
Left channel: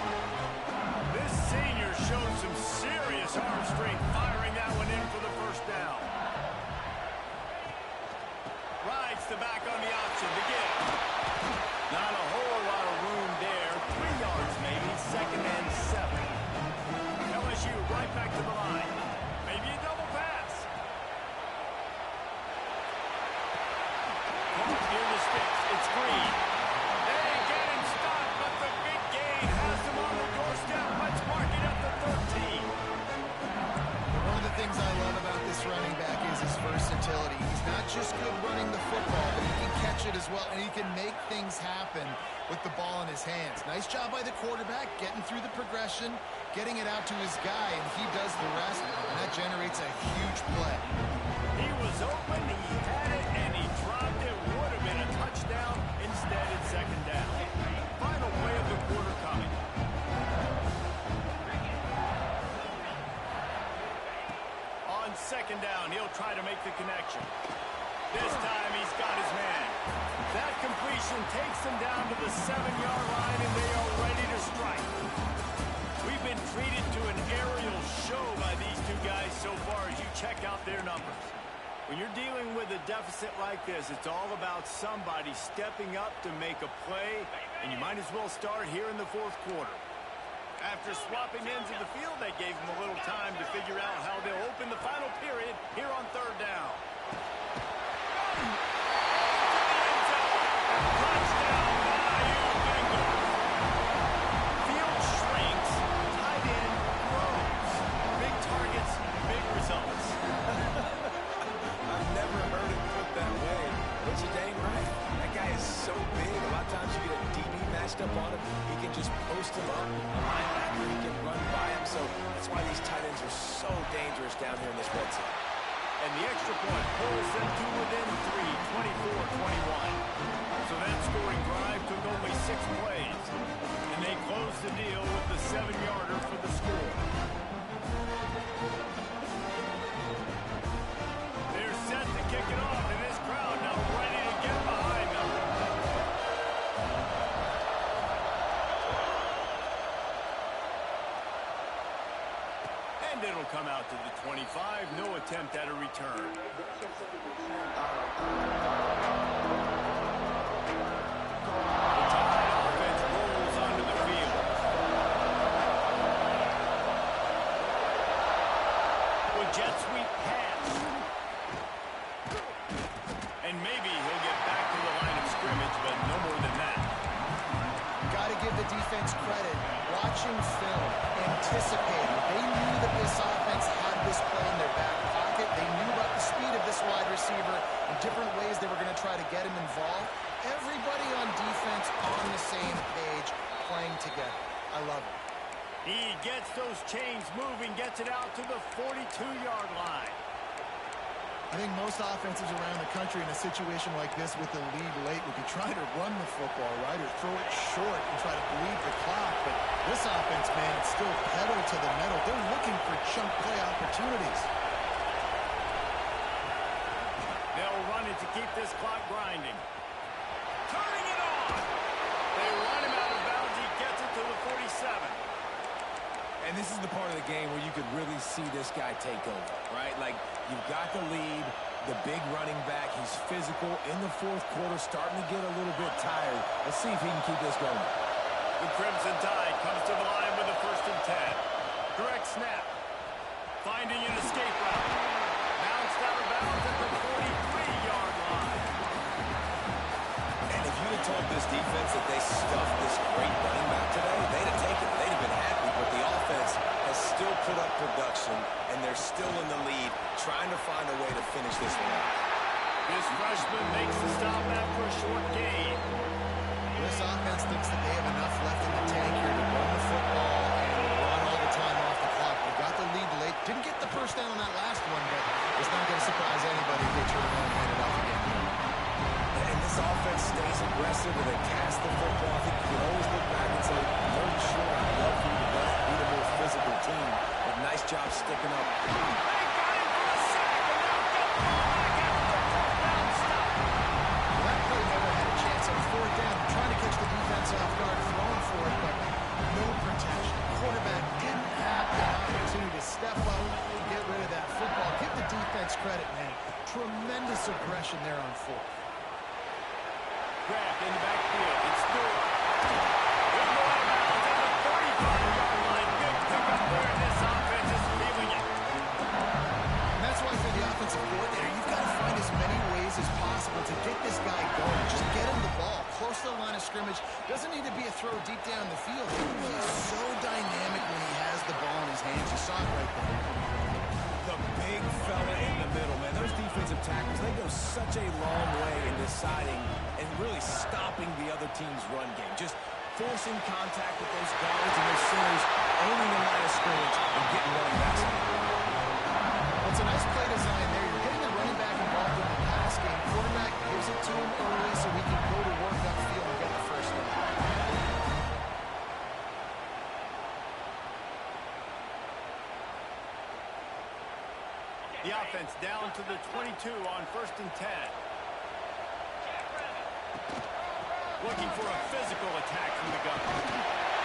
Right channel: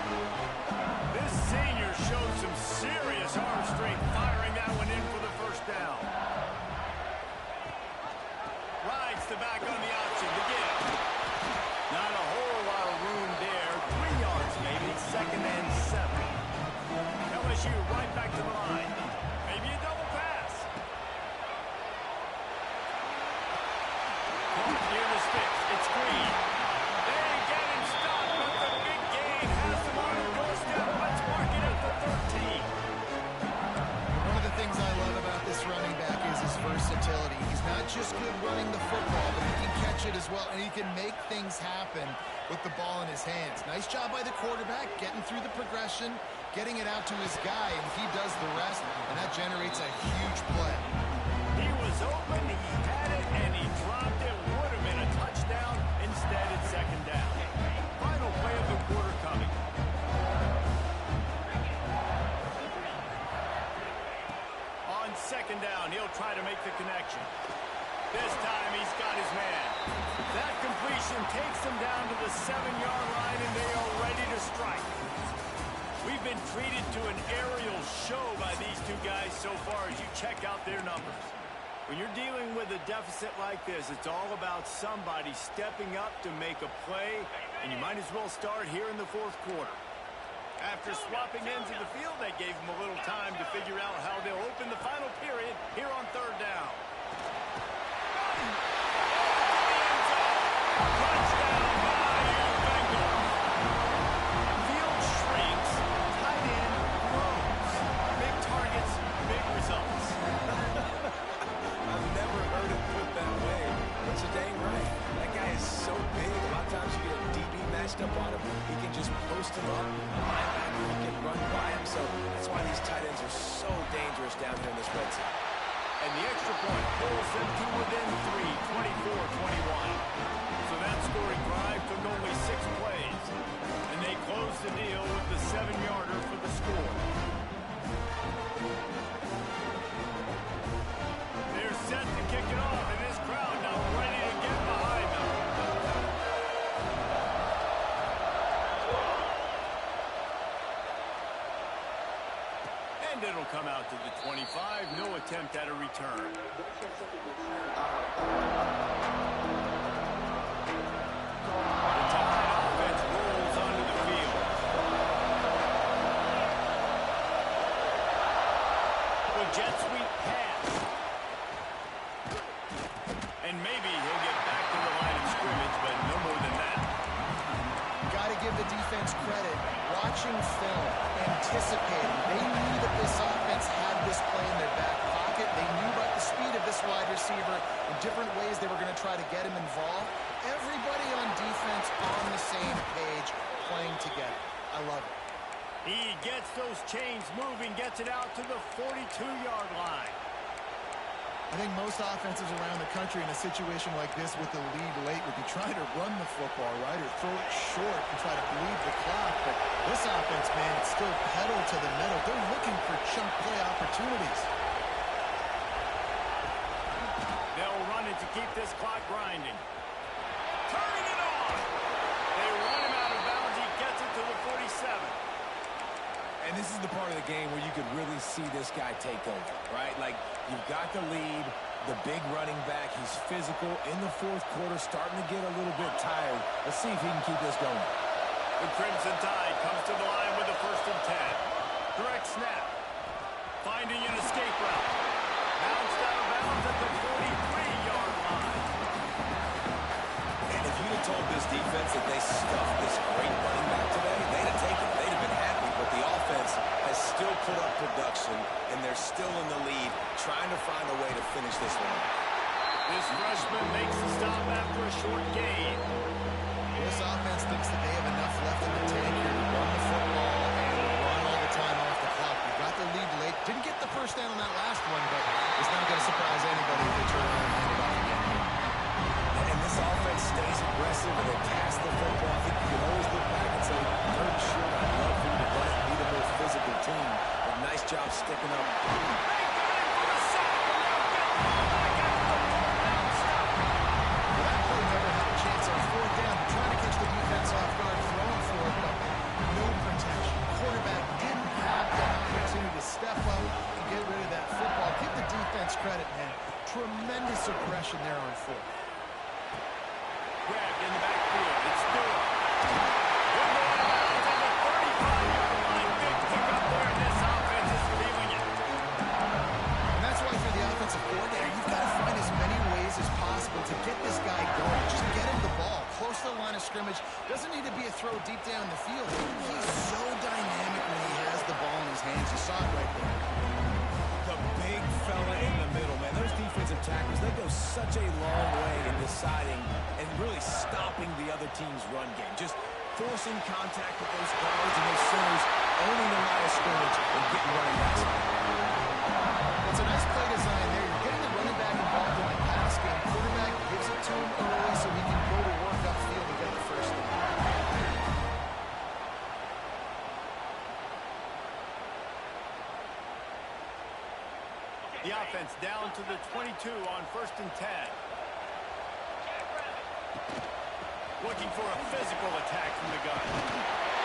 This senior showed some serious arm strength firing that one in for the first down. Rides the back on the option to give. Not a whole lot of room there. 3 yards maybe, 2nd and 7. LSU right back to the line. Maybe a double pass. Caught near the sticks. It's Green. They get him stopped, but the big gain has him on the doorstep. Let's mark it at the 13. One of the things I love about this running back is his versatility. He's not just good running the football, but he can catch it as well, and he can make things happen with the ball in his hands. Nice job by the quarterback, getting through the progression, getting it out to his guy, and he does the rest, and that generates a huge play. He was open, he had it, and he dropped it. Would have been a touchdown. Instead, it's 2nd down. Final play of the quarter coming. On 2nd down, he'll try to make the connection. This time, he's got his man. That completion takes them down to the 7-yard line, and they are ready to strike. We've been treated to an aerial show by these two guys so far as you check out their numbers. When you're dealing with a deficit like this, it's all about somebody stepping up to make a play, and you might as well start here in the 4th quarter. After swapping ends of the field, they gave them a little time to figure out how they'll open the final period here on 3rd down. To the end zone. Touchdown, Bayou Bengals. Field shrinks, tight end grows. Big targets, big results. I've never heard it put that way. But you're dang right. That guy is so big. A lot of times you get a DB matched up on him. He can just post him up. A linebacker, he can run by him. So that's why these tight ends are so dangerous down here in this red zone. And the extra point pulls them to within 3, 24-21. So that scoring drive took only 6 plays. And they closed the deal with the 7-yarder for the score. They're set to kick it off, and this crowd now ready to get behind them. And it'll come out to the 25. No attempt at a return. The Tide offense rolls onto the field. With jet sweep pass. And maybe he'll get back to the line of scrimmage, but no more than that. Got to give the defense credit. Watching film, anticipating. They knew that this offense had this play in their back pocket. They knew about the speed of this wide receiver and different ways they were going to try to get him involved. Everybody on defense on the same page, playing together. I love it. He gets those chains moving, gets it out to the 42-yard line. I think most offenses around the country in a situation like this with the lead late would be trying to run the football, right, or throw it short and try to bleed the clock. But this offense, man, it's still pedal to the metal. They're looking for chunk play opportunities. They'll run it to keep this clock grinding. Turning it on. They run him out of bounds. He gets it to the 47. And this is the part of the game where you could really see this guy take over, right? Like, you've got the lead, the big running back. He's physical in the 4th quarter, starting to get a little bit tired. Let's see if he can keep this going. The Crimson Tide comes to the line with a 1st and 10. Direct snap. Finding an escape route. Bounced out of bounds at the 43-yard line. And if you'd have told this defense that they stuffed this great running back today, they'd have taken it. They'd have been happy. But the offense has still put up production, and they're still in the lead, trying to find a way to finish this one off. This freshman makes the stop after a short gain. This offense thinks that they have enough left in the tank here to run the football and run all the time off the clock. They got the lead late. Didn't get the first down on that last one, but it's not going to surprise anybody if they turn around and hand it off again. And this offense stays aggressive and they pass the football. I think you can always look back and say, 3rd and short, I'd love for you to run it, be the more physical team. But nice job sticking up. They got him for a sack, and now get the ball back after the 4th down stop. Well, that play never had a chance. Unfortunately, fourth down. They're trying to catch the defense off guard, throwing for it, but no protection. Quarterback didn't have that opportunity to step up and get rid of that football. Give the defense credit, man. Tremendous aggression there on fourth. Grabbed in the backfield. It's Stewart. Good go out of bounds on the 35-yard line. Big pickup there, and this offense is feeling it. And that's why for the offensive coordinator, you've got to find as many ways as possible to get this guy going. Just get him the ball close to the line of scrimmage. Doesn't need to be a throw deep down the field. He's so dynamic when he has the ball in his hands. You saw it right there. The big fella in the middle, man. Those defensive tackles, they go such a long way in deciding and really stopping the other team's run game. Just forcing contact with those guards and those centers, owning the line of scrimmage and getting running backs on the ground. Well, it's a nice play design there. You're getting the running back involved in the pass game. Quarterback gives it to him early so he can go to work upfield and get the first down. The offense down to the 22 on 1st and 10. Looking for a physical attack from the gun.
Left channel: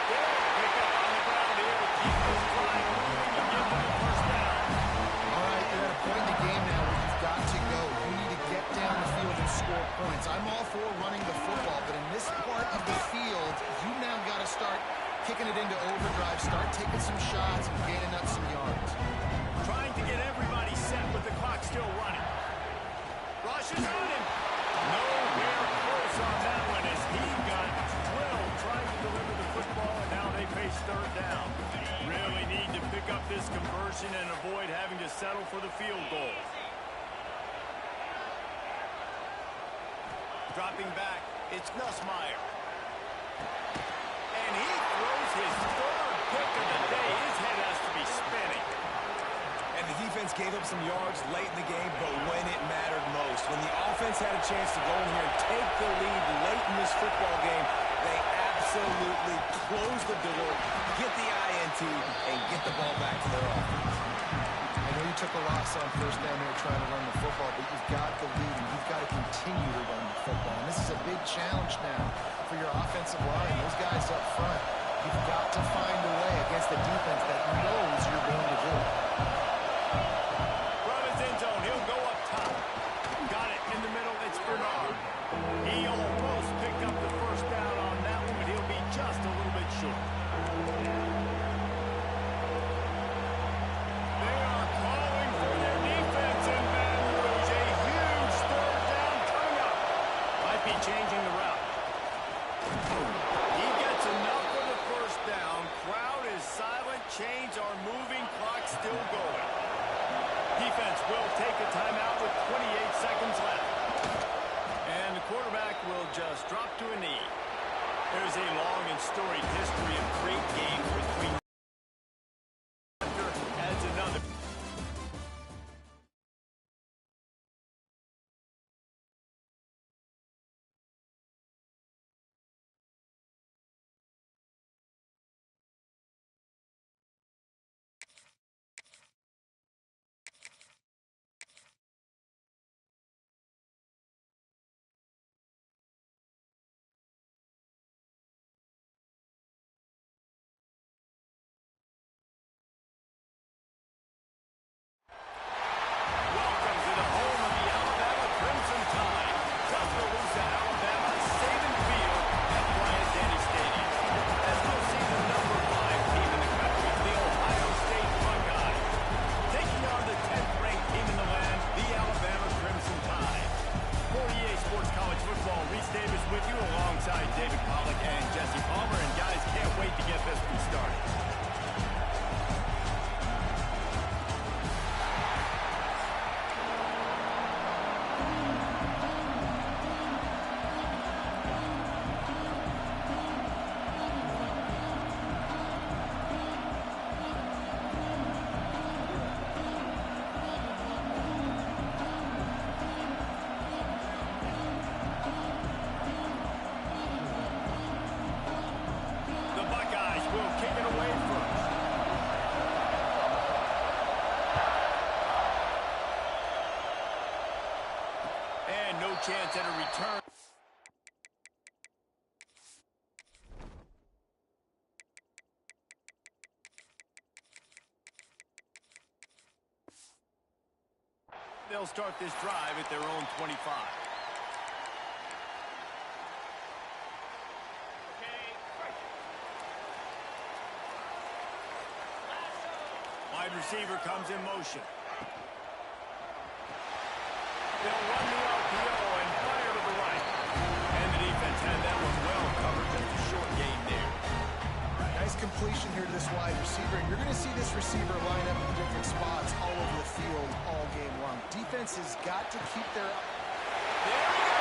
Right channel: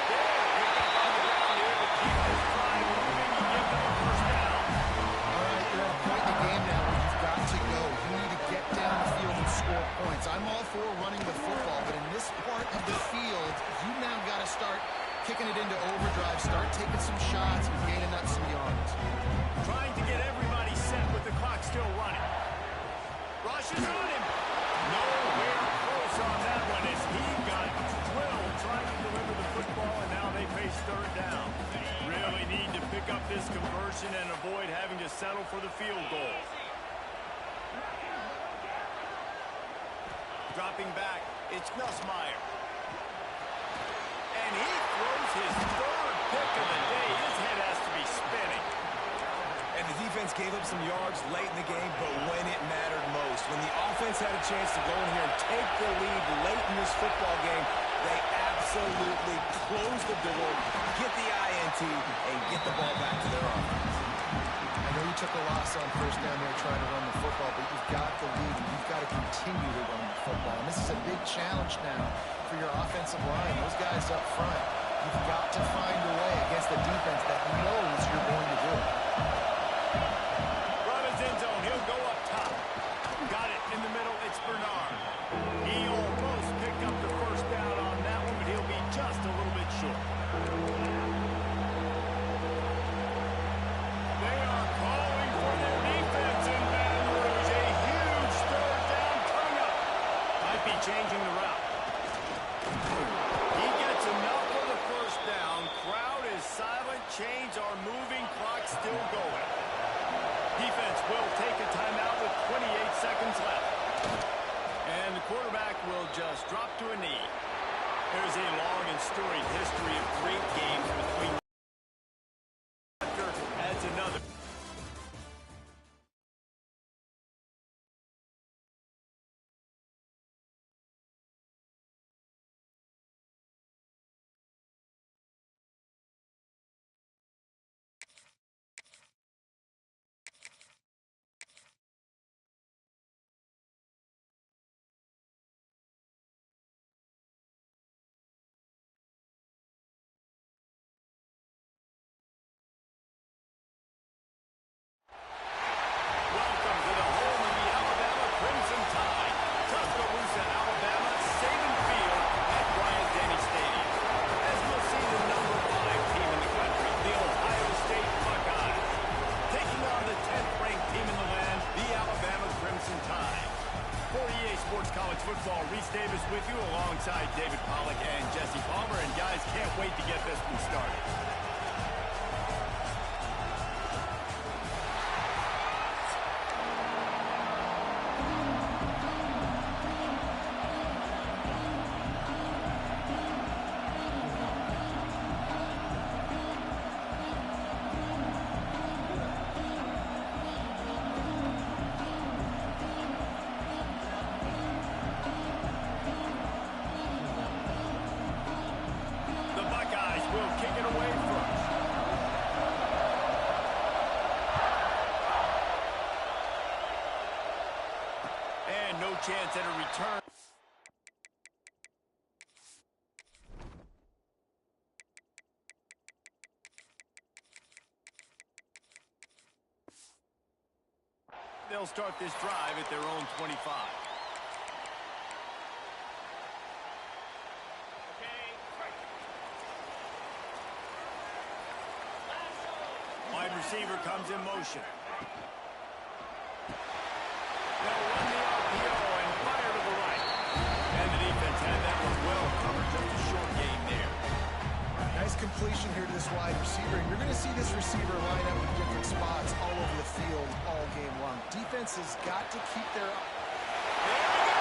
There, pick up on the ground here to keep this drive moving and give them a first down. All right, you're at a point in the game now where you've got to go. You need to get down the field and score points. I'm all for running the football, but in this part of the field, you now got to start kicking it into overdrive, start taking some shots and gaining up some yards. Trying to get everybody set with the clock still running. Rushes on him. Nowhere close on that one as he got drilled trying to deliver the football, and now they face third down. Really need to pick up this conversion and avoid having to settle for the field goal. Dropping back, it's Nussmeier. And he throws his third pick of the day. His head has to be spinning. And the defense gave up some yards late in the game, but when it mattered most, when the offense had a chance to go in here and take the lead late in this football game, they absolutely closed the door, get the INT, and get the ball back to their offense. I know you took a loss on first down there trying to run the football, but you've got the lead, and you've got to continue to run the football. And this is a big challenge now for your offensive line. Those guys up front, you've got to find a way against a defense that knows you're going to do it. End zone, he'll go up top. Got it in the middle, it's Bernard. He almost picked up the first down on that one, but he'll be just a little bit short. They are calling for their defense in Baton Rouge. A huge third down coming up. Might be changing the route. He gets enough for the first down. Crowd is silent. Chains are moving. Clock still going. Defense will take a timeout with 28 seconds left. And the quarterback will just drop to a knee. There's a long and storied history of great games between adds another. Welcome to the home of the Alabama Crimson Tide. Tuscaloosa, Alabama, Saban Field at Bryant-Denny Stadium. As we'll see the number 5 team in the country, the Ohio State Buckeyes, taking on the 10th-ranked team in the land, the Alabama Crimson Tide. For EA Sports College Football, Reese Davis with you alongside David Pollack and Jesse Palmer. And guys, can't wait to get this one started. Will kick it away first. And no chance at a return. They'll start this drive at their own 25. Wide receiver comes in motion. They'll run the RPO and fire to the right. And the defense had that one well covered. Just a short gain there. Nice completion here to this wide receiver. And you're going to see this receiver line up in different spots all over the field all game long. Defense has got to keep their... There we go!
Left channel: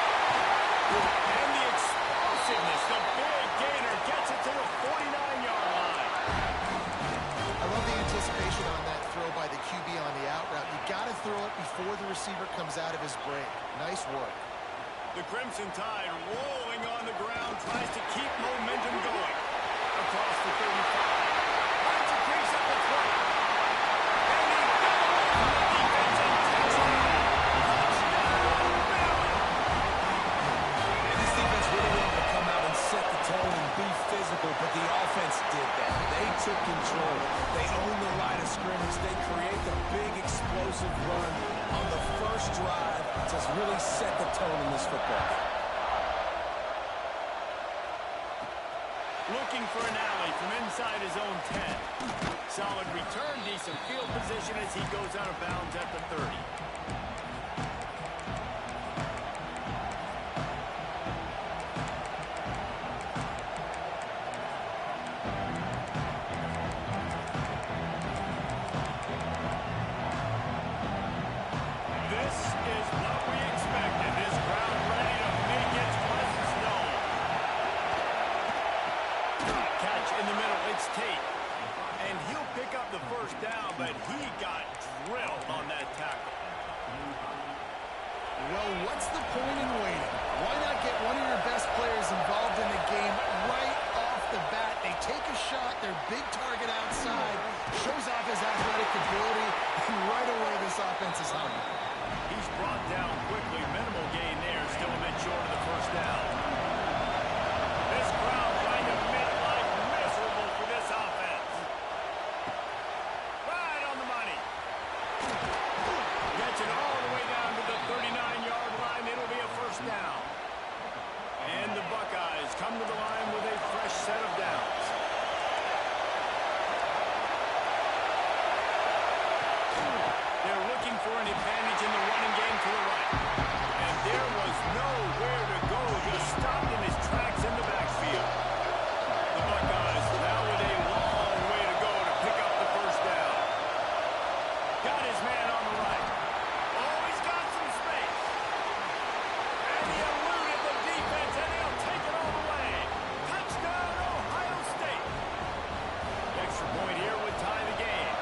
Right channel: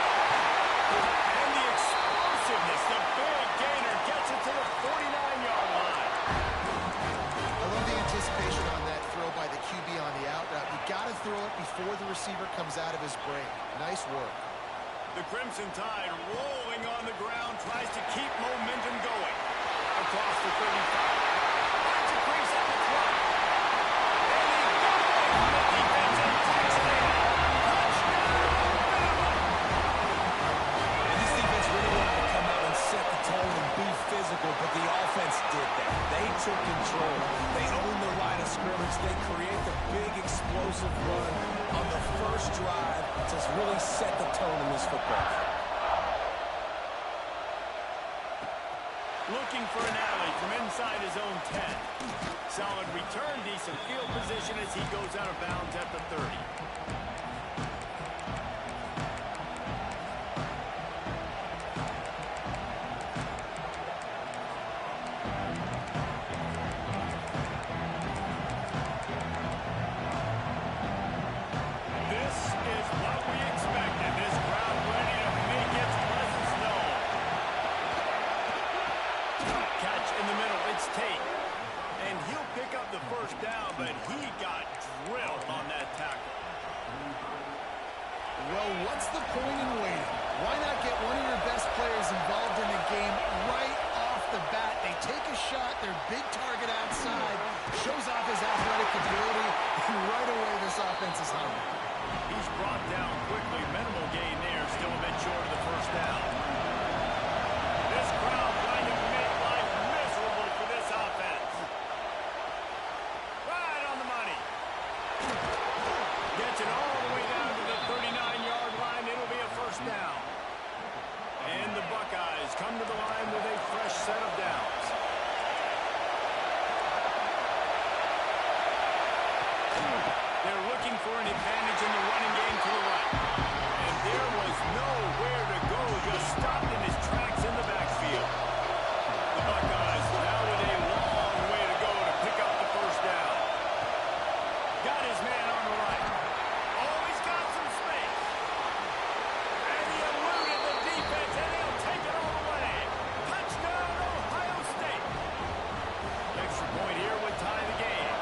And the explosiveness, the big gainer gets it to the 49-yard line. I love the anticipation on that throw by the QB on the out route. You got to throw it before the receiver comes out of his break. Nice work. The Crimson Tide rolling on the ground, tries to keep momentum going. Across the 35. Finds a crease at the 20. And he got away from the defense and takes it in. Touchdown, Bama! And this defense really wanted to come out and set the tone and be physical, but the offense did that. They took control. They owned the line of scrimmage. They create the big explosive run on the first drive to really set the tone in this football game. Looking for an alley from inside his own 10. Solid return, decent field position as he goes out of bounds at the 30. This is what we expected. This crowd ready to make its presence known. Catch in the middle, it's Tate. And he'll pick up the first down, but he got drilled on that tackle. Well, what's the point in waiting? Why not get one of your best players involved in the game right off the bat? They take a shot, their big target outside, shows off his athletic ability, and right away this offense is hungry. He's brought down quickly, minimal gain there, still a bit short of the first down. This crowd trying to make life miserable for this offense. Right on the money. Gets it all the way down to the 39-yard line. It'll be a first down. And the Buckeyes come to the line with a fresh set of downs. They're looking for an advantage in the running game to the right. And there was nowhere to go, just stopped in his tracks in the backfield. The Buckeyes now with a long way to go to pick up the first down. Got his man on the right. Oh, he's got some space. And he eluded the defense, and he'll take it all the way. Touchdown, Ohio State. The extra point here would tie the game.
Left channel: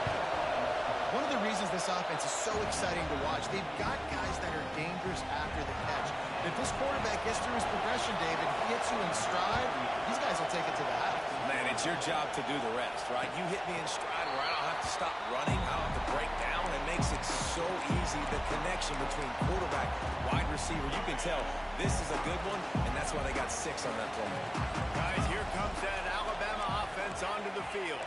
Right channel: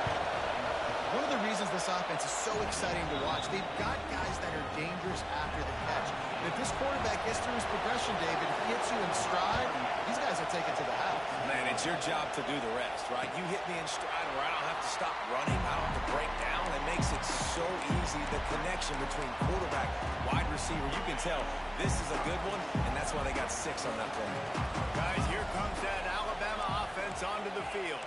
One of the reasons this offense is so exciting to watch, they've got guys that are dangerous after the catch. And if this quarterback gets through his progression, David, he hits you in stride, these guys will take it to the house. Man, it's your job to do the rest, right? You hit me in stride where I don't have to stop running. I don't have to break down. It makes it so easy, the connection between quarterback, wide receiver. You can tell this is a good one, and that's why they got 6 on that play. Guys, here comes that Alabama offense onto the field.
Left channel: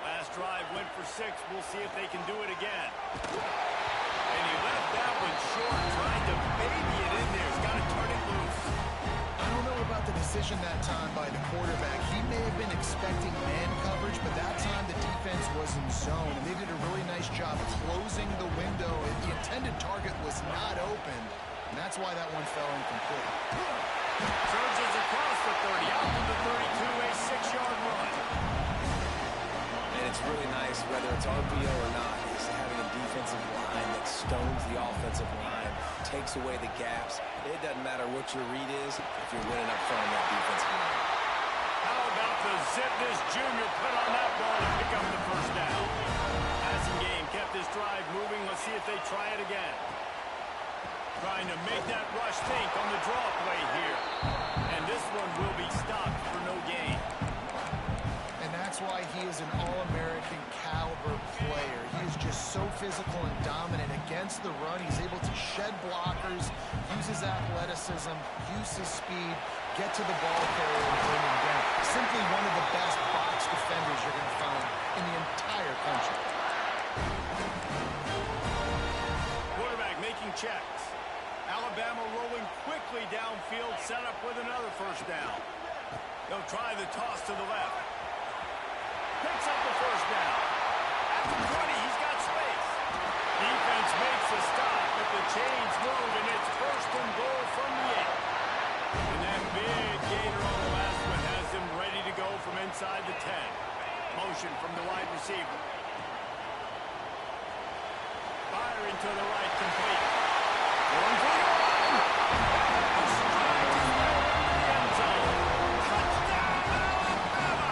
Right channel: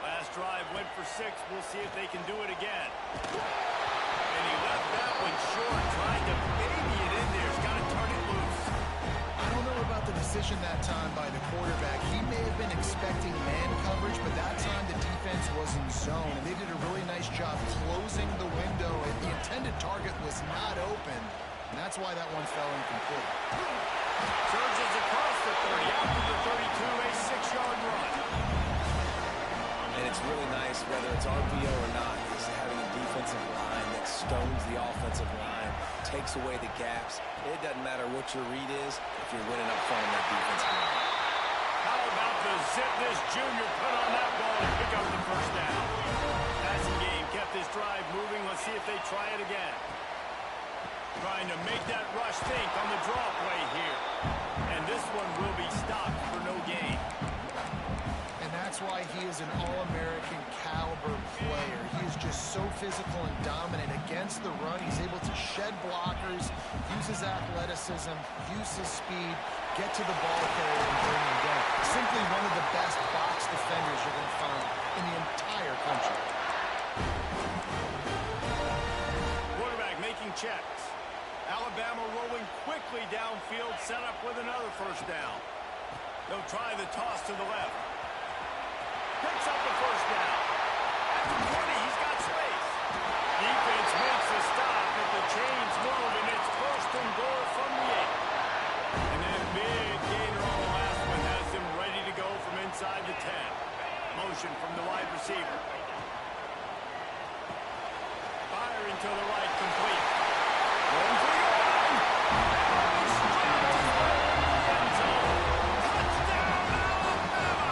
Last drive went for 6. We'll see if they can do it again. And he left that one short, trying to baby it in there. He's got to turn it loose. I don't know about the decision that time by the quarterback. He may have been expecting man coverage, but that time the defense was in zone, and they did a really nice job closing the window. The intended target was not open, and that's why that one fell incomplete. Surges across the 30, out to the 32, a 6-yard run. And it's really nice, whether it's RPO or not, is having a defensive line that stones the offensive line, takes away the gaps. It doesn't matter what your read is if you're winning up front on that defensive line. How about the zip this junior put on that ball to pick up the first down? Passing game kept this drive moving. Let's see if they try it again. Trying to make that rush think on the draw play here. And this one will be stopped for no gain. And that's why he is an All-American caliber player. He is just so physical and dominant against the run. He's able to shed blockers, use his athleticism, use his speed, get to the ball carrier and bring him down. Simply one of the best box defenders you're going to find in the entire country. checks. Alabama rolling quickly downfield, set up with another first down. They'll try the toss to the left. Picks up the first down. At the 20, he's got space. Defense makes a stop, but the chains move, and it's first and goal from the 8. And that big gainer on the last one has them ready to go from inside the 10. Motion from the wide receiver. Firing to the right, complete. Going for the goal line. And strides his way into the end zone. Touchdown, Alabama!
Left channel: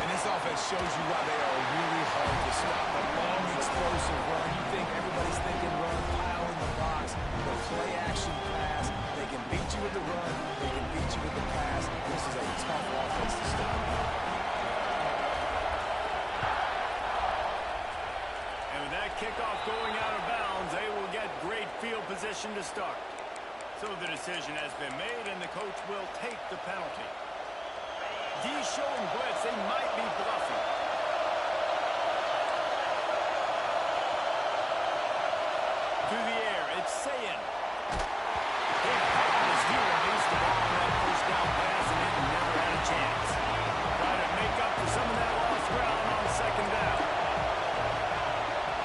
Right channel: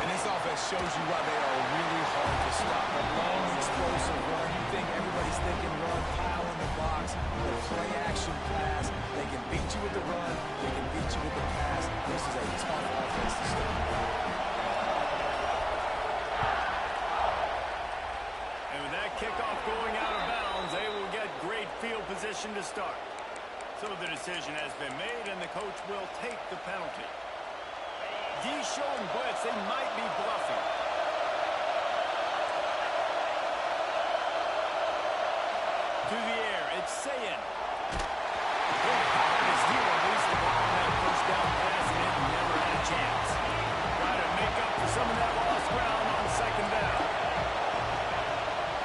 And this offense shows you why they are really hard to stop. A long, explosive run. You think everybody's thinking run, pile in the box, the play action pass. They can beat you with the run. They can beat you with the pass. This is a tough offense to stop. And with that kickoff going out of bounds, they will get great field position to start. So the decision has been made, and the coach will take the penalty. D showing blitz. They might be bluffing. To the air, it's Sayin. Big part is he released the ball on that first down pass, and it never had a chance. Try to make up for some of that lost ground on second down.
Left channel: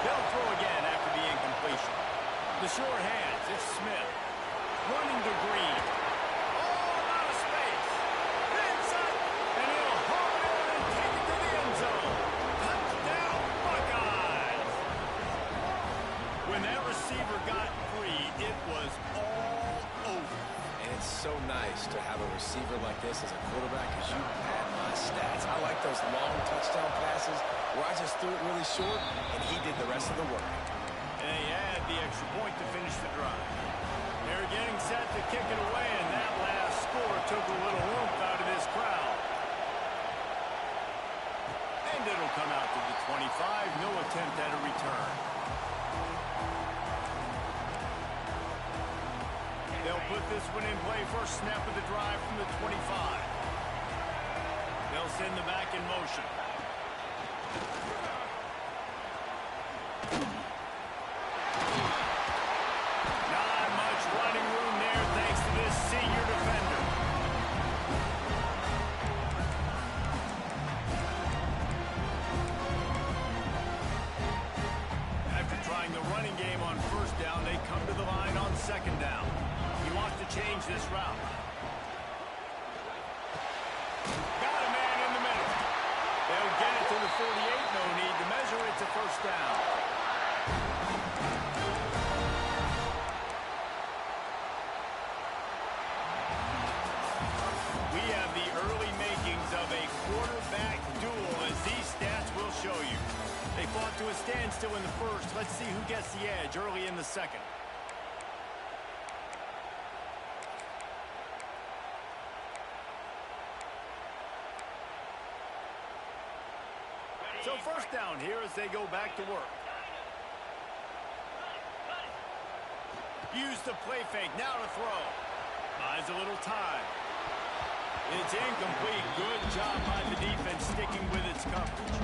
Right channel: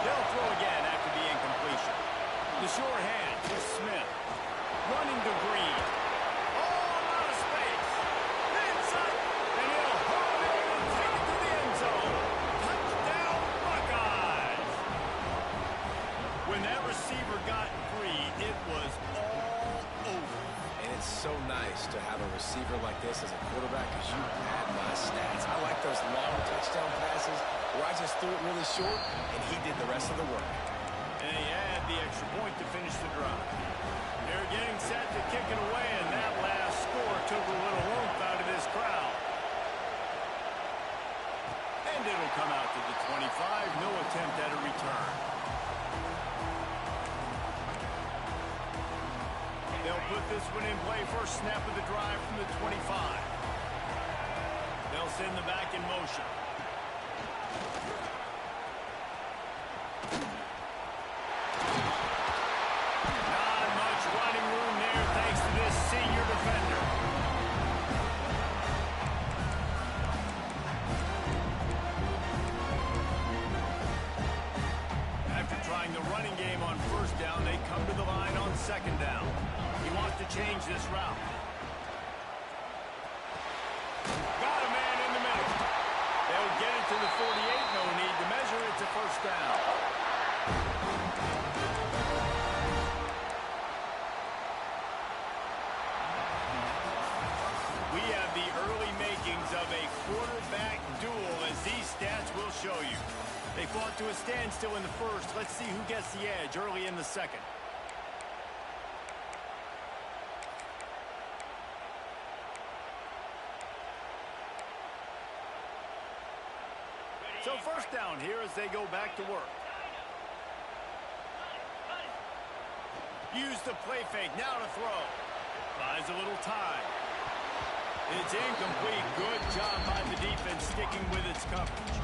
They'll throw again after the incompletion. The sure hands, it's Smith. Running to Green. Oh, a lot of space. Inside, and he'll haul it in and take it to the end zone. Touchdown, Buckeyes. When that receiver got free, it was all over. And it's so nice to have a receiver like this as a quarterback because you pad my stats. I like those long touchdown passes where I just threw it really short, and he did the rest of the work. And he had the extra point to finish the drive. They're getting set to kick it away, and that last score took a little oomph out of this crowd. And it'll come out to the 25. No attempt at a return. They'll put this one in play. First snap of the drive from the 25. They'll send the back in motion. Not much running room there thanks to this senior defender. After trying the running game on first down, they come to the line on second down. He wants to change this route. Got a man in the middle. They'll get it to the 48. No need to measure. It's a first down. We have the early makings of a quarterback duel, as these stats will show you. They fought to a standstill in the first. Let's see who gets the edge early in the second. So first down here as they go back to work. Use the play fake. Now to throw. Buys a little time. It's incomplete. Good job by the defense sticking with its coverage.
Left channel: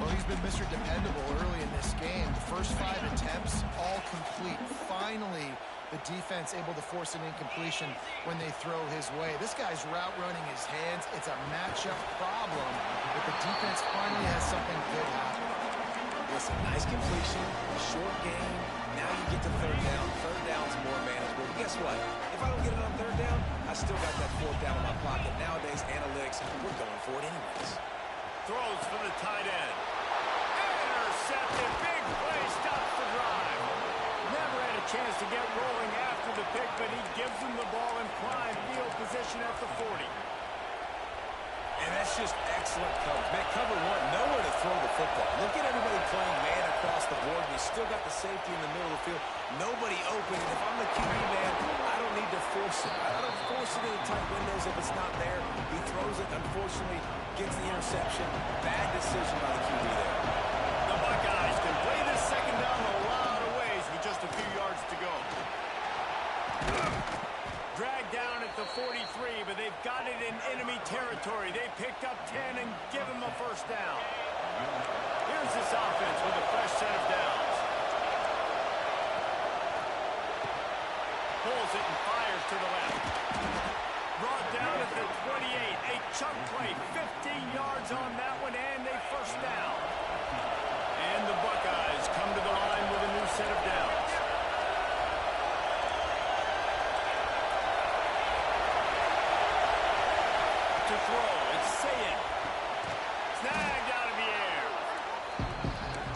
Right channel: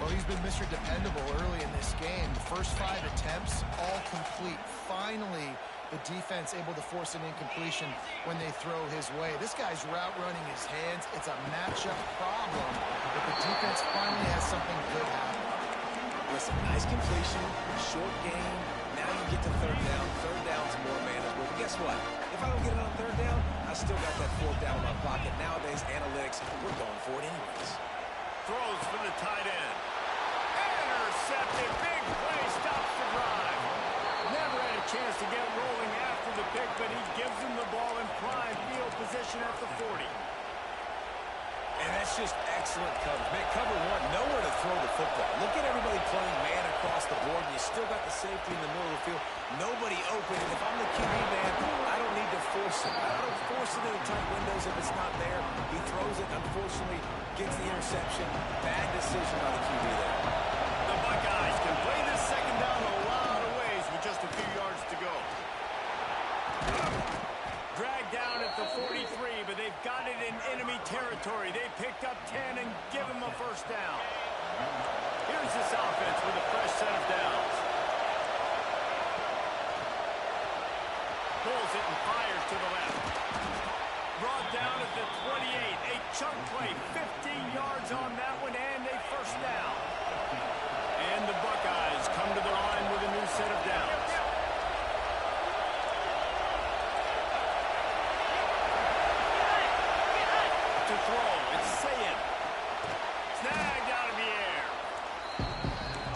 Well, he's been Mr. Dependable early in this game. The first 5 attempts, all complete. Finally, the defense able to force an incompletion when they throw his way. This guy's route running his hands. It's a matchup problem, but the defense finally has something good happen. Listen, nice completion, short game. Now you get to third down. Third down's more manageable. But guess what? If I don't get it on third down, I still got that fourth down in my pocket. Nowadays, analytics, we're going for it anyways. Throws for the tight end. Intercepted. Big play. Stops the drive. Never had a chance to get rolling after the pick, but he gives him the ball in prime field position at the 40. And that's just excellent coverage. Man, cover one, nowhere to throw the football. Look at everybody playing man across the board, and you still got the safety in the middle of the field. Nobody open, and if I'm the QB man, I don't need to force it. I don't force it in the tight windows if it's not there. He throws it, unfortunately, gets the interception. Bad decision by the QB there. The Buckeyes can play this second down a lot of ways with just a few yards to go. Dragged down at the 43, but they've got it in enemy territory. They picked up 10 and give him a first down. Here's this offense with a fresh set of downs. Pulls it and fires to the left. Brought down at the 28. A chunk play. 15 yards on that one and a first down. And the Buckeyes come to the line with a new set of downs. To throw, it's Sayin. Snagged out of the air.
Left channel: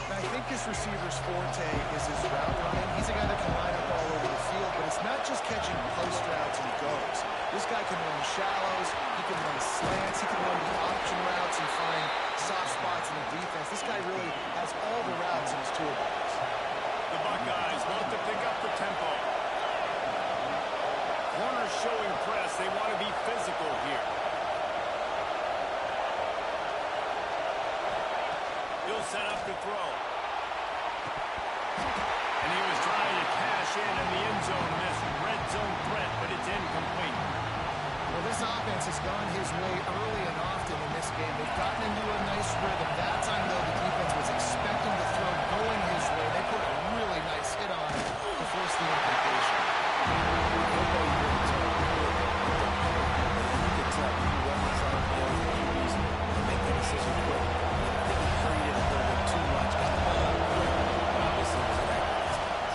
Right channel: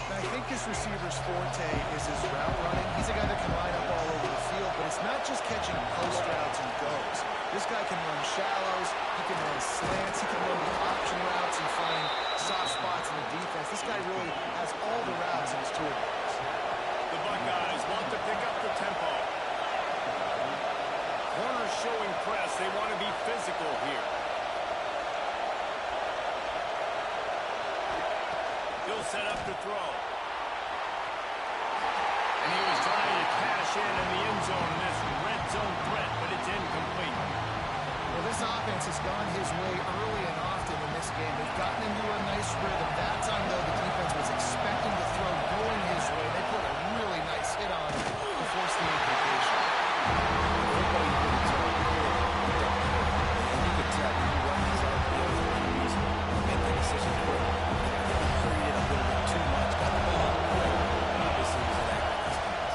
I think this receiver's forte is his route running. He's a guy that can line up all over the field, but it's not just catching post routes and goes. This guy can run shallows, he can run slants, he can run the option routes and find soft spots in the defense. This guy really has all the routes in his toolbox. The Buckeyes want to pick up the tempo. Corners showing press. They want to be physical here. He'll set up to throw. And he was trying to cash in the end zone in this red zone threat, but it's incomplete. Well, this offense has gone his way early and often in this game. They've gotten into a nice rhythm. That time, though, the defense was expecting the throw going his way. They put a really nice hit on it to force the incompletion. Football, you really tell and you can tell when you run these RPOs for any reason, you make that decision quick. I think he hurried it a little bit too much, got the ball out quick, but obviously was inaccurate in his pass.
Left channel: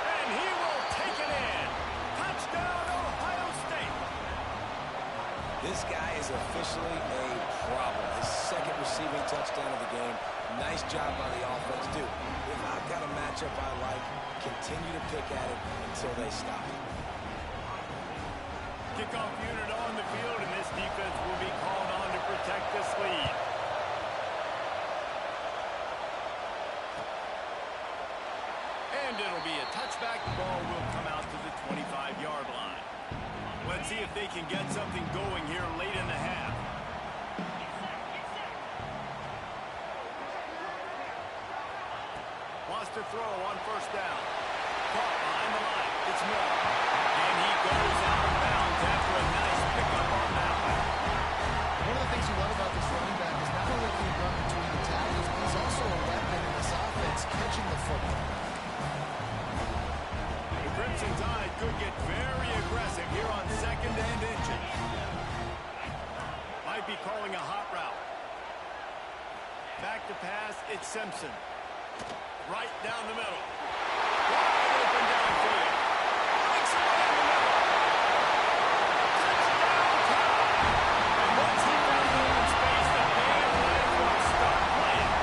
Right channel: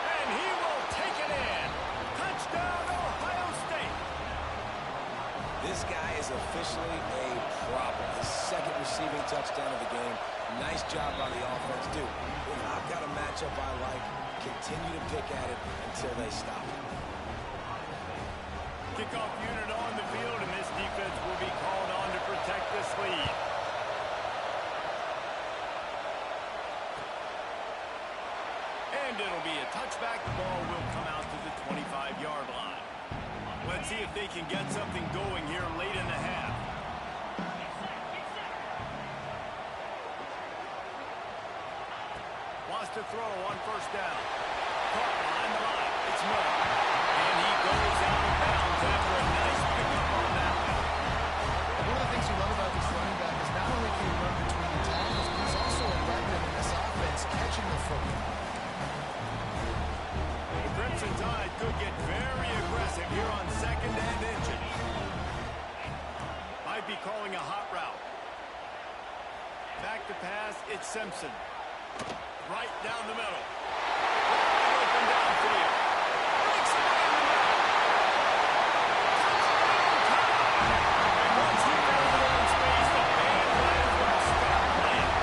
And he will take it in. Touchdown, Ohio State. This guy is officially a problem. His second receiving touchdown of the game. Nice job by the offense. Dude, if I've got a matchup I like, continue to pick at it until they stop it. Kickoff unit on the field, and this defense will be called on to protect this lead. And it'll be a touchback. The ball will come out to the 25-yard line. Let's see if they can get something going here late in the half. Wants to throw on first down. Caught behind the line. It's Miller. And he goes out of bounds after a nice pickup on that one. One of the things you love about this running back is not only can he run between the tackles, but he's also a weapon in this offense catching the football. The Crimson Tide could get very aggressive here on second and inches. Might be calling a hot route. Back to pass, it's Simpson. Right down the middle. Wide open downfield. Breaks away in the middle. Touchdown time. And once he found the open space, the band might as well start playing.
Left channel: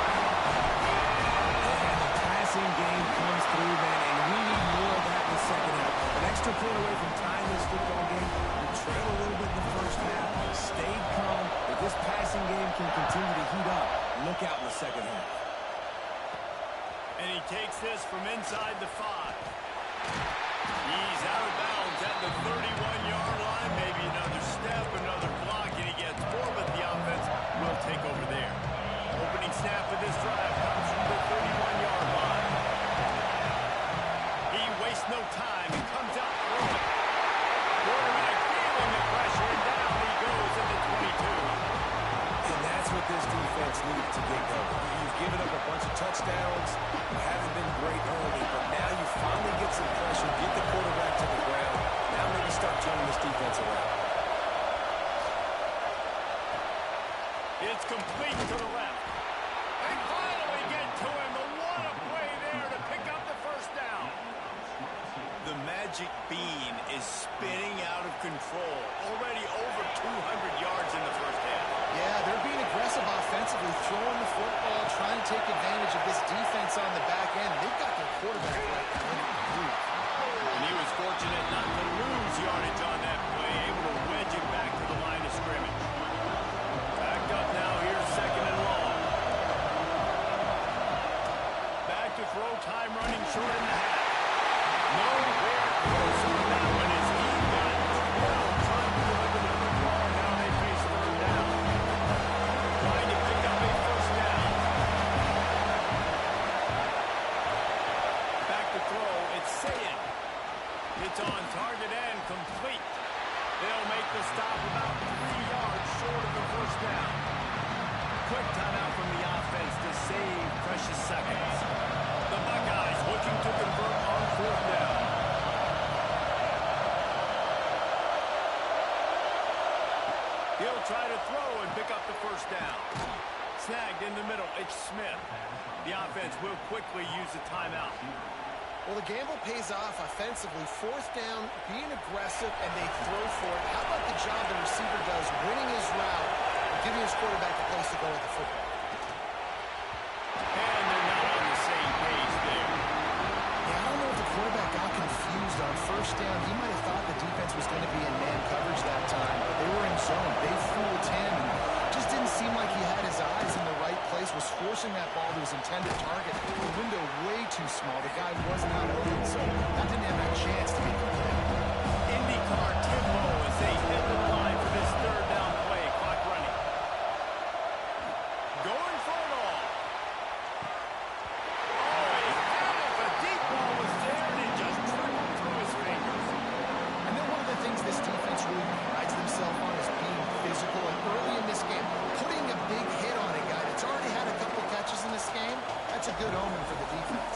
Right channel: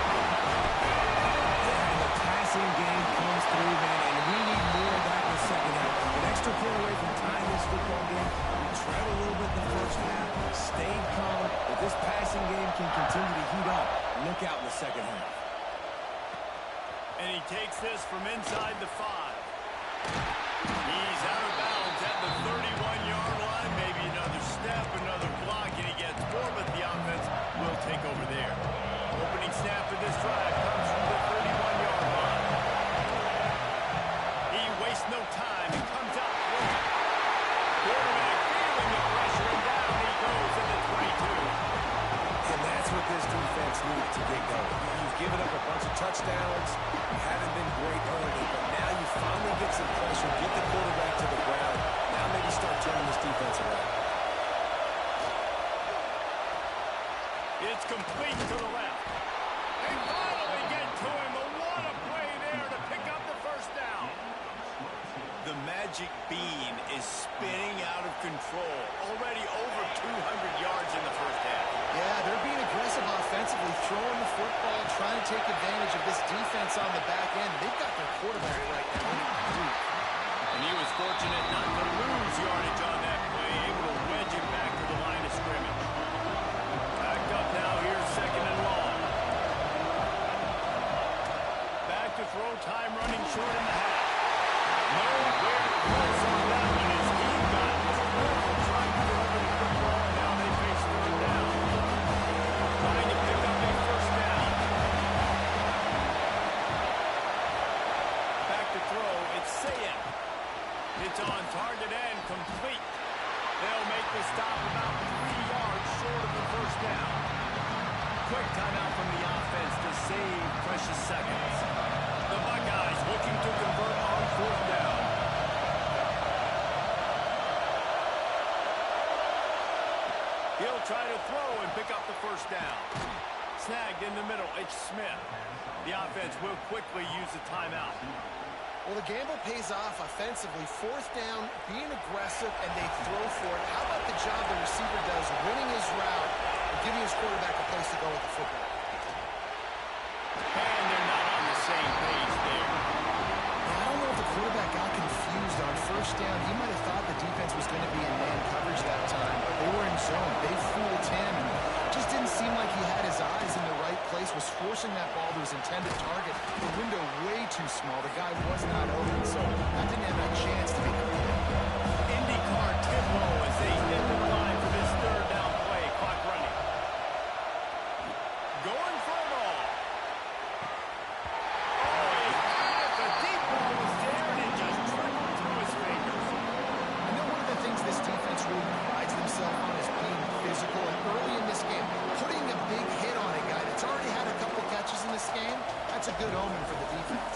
And the passing game comes through, man, and we need more of that in the second half. An extra point away from tying this football game. We trailed a little bit in the first half, stayed calm. If this passing game can continue to heat up, look out in the second half. And he takes this from inside the 5. He's out of bounds at the 31-yard line. Maybe another step, another block, and he gets more, but the offense will take over there. Opening snap of this drive comes from the 31-yard line. He wastes no time and comes out throwing. Quarterback feeling the pressure, and down he goes in the 22. And that's what this defense needs to get going. You've given up a bunch of touchdowns. You haven't been great early, but now you finally get some pressure, get the quarterback to the ground. Now maybe start turning this defense around. It's complete to the left. They finally get to him. But what a play there to pick up the first down. The magic bean is spinning out of control. Already over 200 yards in the first half. Yeah, they're being aggressive offensively, throwing the football, trying to take advantage of this defense on the back end. They've got their quarterback right now in a group. And he was fortunate not to lose yardage on that play, able to wedge it back to the line of scrimmage. Backed up now here, second and long. Back to throw, time running short in the half. Nowhere close on that one as he got drilled trying to deliver the football, and now they face third down. Trying to pick up a first down. Back to throw, it's Sayin. It's on target and complete. They'll make the stop about 3 yards short of the first down. Quick timeout from the offense to save precious seconds. The Buckeyes looking to convert on fourth down. He'll try to throw and pick up the first down. Snagged in the middle, it's Smith. The offense will quickly use a timeout. Well, the gamble pays off offensively. Fourth down, being aggressive, and they throw for it. How about the job the receiver does winning his route and giving his quarterback a place to go with the football? And they're not on the same page there. Yeah, I don't know if the quarterback got confused on first down. He might have thought the defense was going to be in man coverage that time, but they were in zone. They fooled him, and just didn't seem like he had his eyes in the right place, was forcing that ball to his intended target. The window way too small. The guy was not open, so that didn't have a chance to be complete. IndyCar tempo as they hit the line for this third down play. Clock running. Going for it all. Oh, he had it. The deep ball was there, and it just trickled through his fingers. I know one of the things this defense really prides themselves on is being physical, and early in this game, putting a big hit on a guy that's already had a couple catches in this game, that's a good omen for the defense.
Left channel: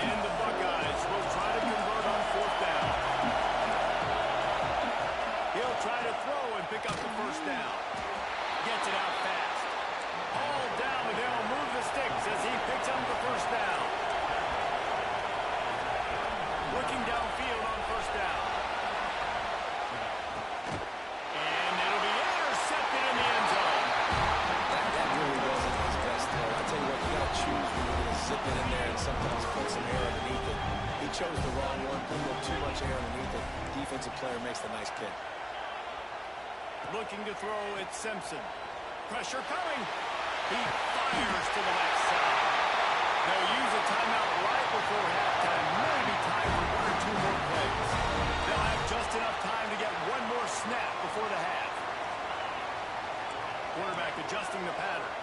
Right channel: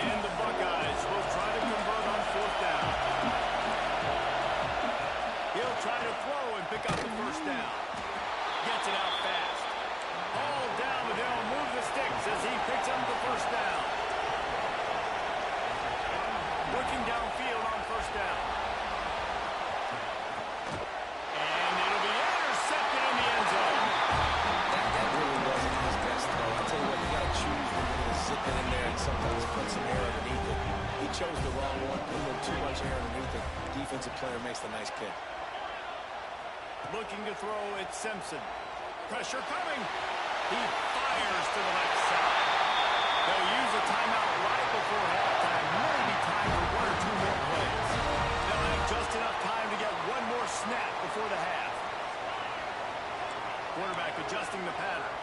And the Buckeyes will try to convert on fourth down. He'll try to throw and pick up the first down. Gets it out fast. Hauled down, but they'll move the sticks as he picks up the first down. Looking downfield on first down. And it'll be intercepted in the end zone. That really wasn't his best throw. I tell you what, you got to choose when you're going to zip it in there and sometimes put some air underneath it. He chose the wrong one, put a little too much air underneath it. Defensive player makes the nice pick. Looking to throw, it's Simpson. Pressure coming. He fires to the left side. They'll use a timeout right before halftime. Maybe time for one or two more plays. They'll have just enough time to get one more snap before the half. Quarterback adjusting the pattern.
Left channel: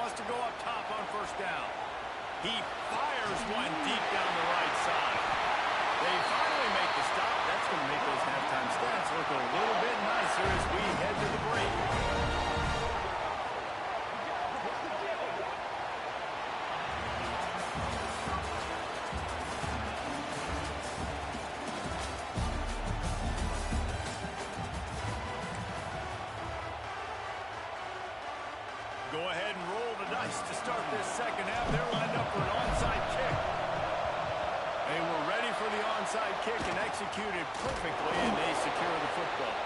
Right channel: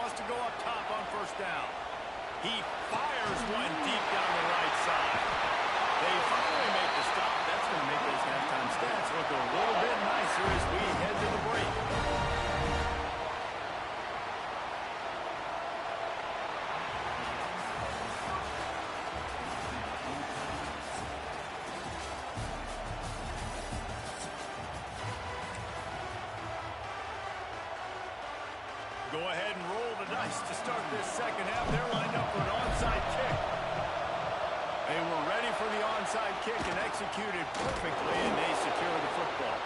Wants to go up top on first down. He fires one deep down the right side. They finally make the stop. That's going to make those halftime stats look a little bit nicer as we head to the break. Go ahead and roll the dice to start this second half. They're lined up for an onside kick. They were ready for the onside kick and executed perfectly, and they secure the football.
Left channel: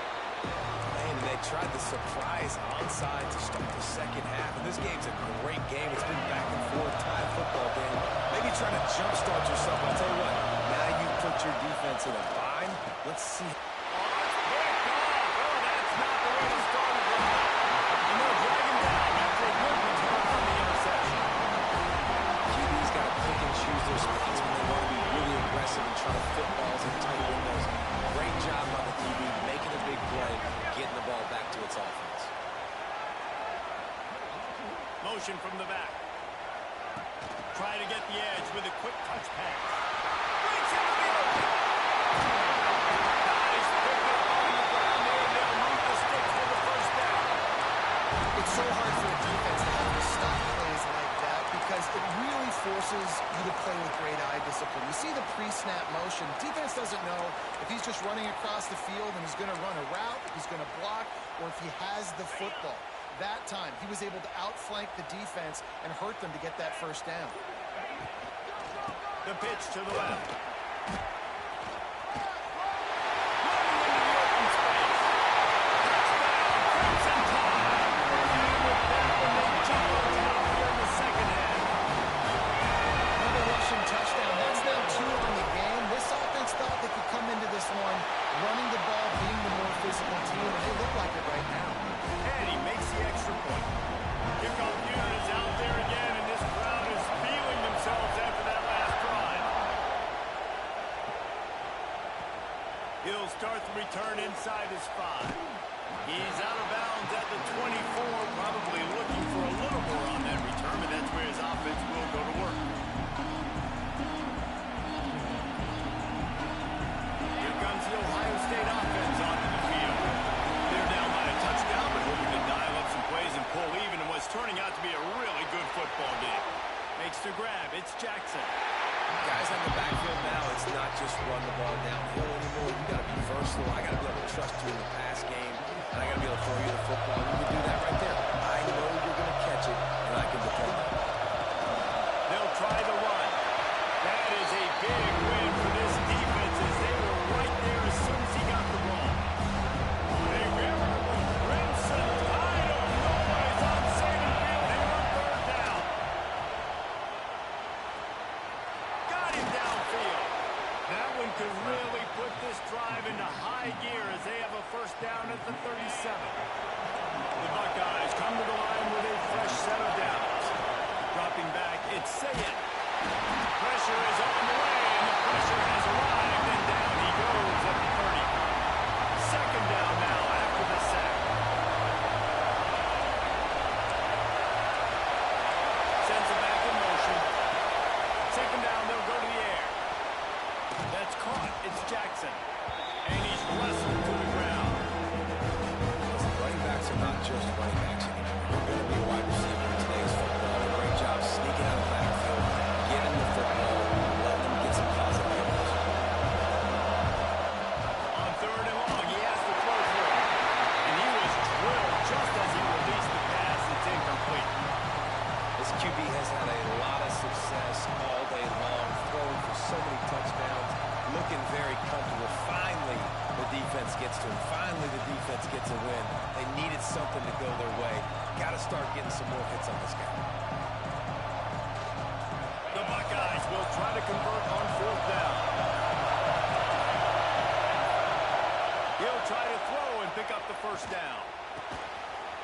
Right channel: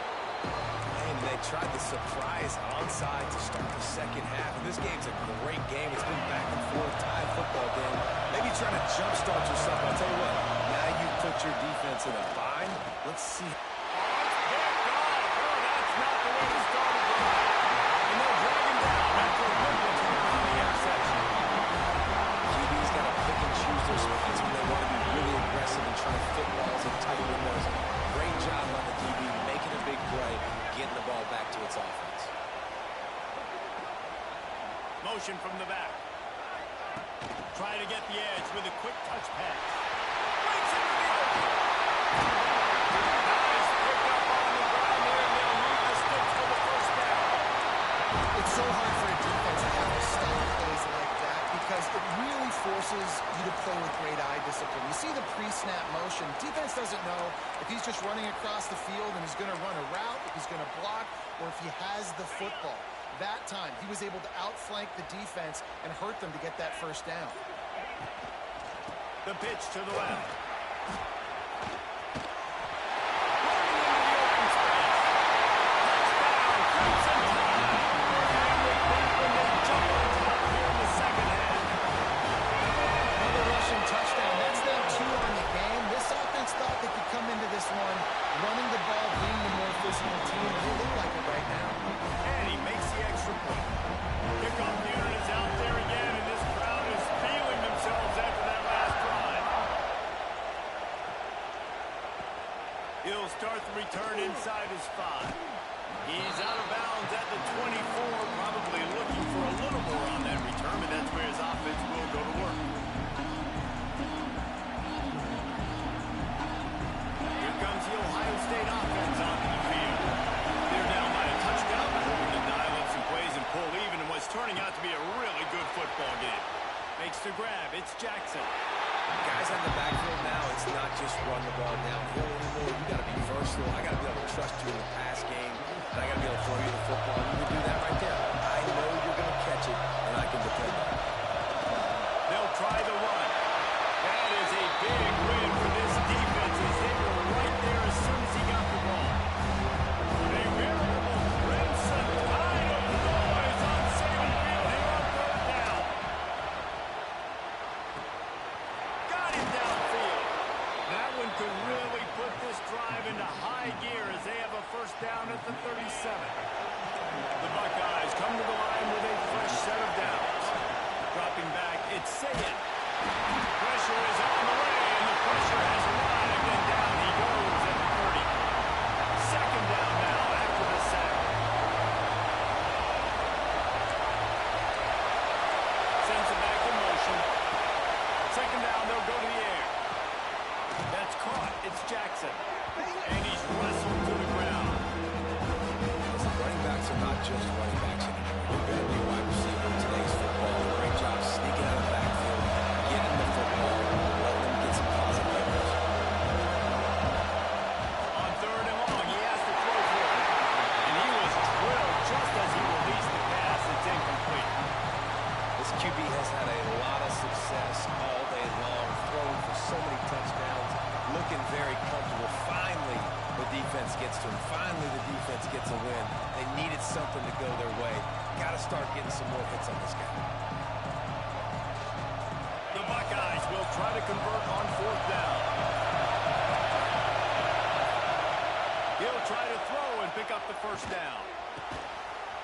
And they tried the surprise onside to start the second half. And this game's a great game. It's been back and forth, tied football game. Maybe trying to jumpstart yourself. I'll tell you what, now you put your defense in a bind. Let's see. Oh, it's picked off. Oh, that's not the way to start a drive. And they'll drag him down after a good return on the interception. QB's got to pick and choose their spots when they want to be really aggressive and try to fit balls in tight windows. Great job by the DB making a big play, getting the ball back to its offense. Motion from the back. Try to get the edge with a quick touch pass. Breaks into the open. Nice pick up on the ground there, and they'll move the sticks for the first down. It's so hard for a defense to have to stop plays like that because it really forces you to play with great eye discipline. You see the pre-snap motion. Defense doesn't know if he's just running across the field and is going to run a route, if he's going to block, or if he has the football. That time, he was able to outflank the defense and hurt them to get that first down. The pitch to the left. Running into the open space. Touchdown, Crimson Tide. And with that one, they jump on top here in the second half. Another rushing touchdown. That's now 2 on the game. This offense thought they could come into this one running the ball, being the more physical team, and they look like it right now. And he makes the extra point. Kickoff unit is out there again, and this crowd is feeling themselves after that last drive. He'll start the return inside his 5. He's out of bounds at the 24, probably looking for a little more on that return, but that's where his offense will go to work. Here comes the Ohio State offense onto the field. They're down by a touchdown, but hoping to dial up some plays and pull even in what's turning out to be a really good football game. Makes the grab. It's Jackson. Guys in the backfield now, it's not just run the ball downhill anymore. You got to be versatile. I got to be able to trust you in the pass game, and I got to be able to throw you the football. And you can do that right there. I know you're going to catch it, and I can depend on it. They'll try the run. That is a big win for this defense as they were right there as soon as he got the ball. A veritable crimson tide of noise on Saban Field here on third down. Got him downfield. That one could really put this drive into high gear as they have a first down at the 37. The Buckeyes come to the line with a fresh set of downs. Dropping back, it's Sayed. Pressure is on the way, and the pressure has arrived, and down he goes at the 30. Second down now after the sack. Sends it back in motion. Second down, they'll go to the air. That's caught. It's Jackson. And he's wrestled to the ground. Listen, running backs are not just running backs anymore. You're going to be a wide receiver in today's football. A great job sneaking out of the backfield, getting the football, letting them get some positive yards. On third and long, he has to throw for it. And he was drilled just as he released the pass. It's incomplete. This QB has had a lot of success all day long, throwing for so many touchdowns, looking very comfortable. Finally, the defense gets to him. Finally, the defense gets a win. They needed something to go their way. Got to start getting some more hits on this guy. The Buckeyes will try to convert on fourth down. He'll try to throw and pick up the first down.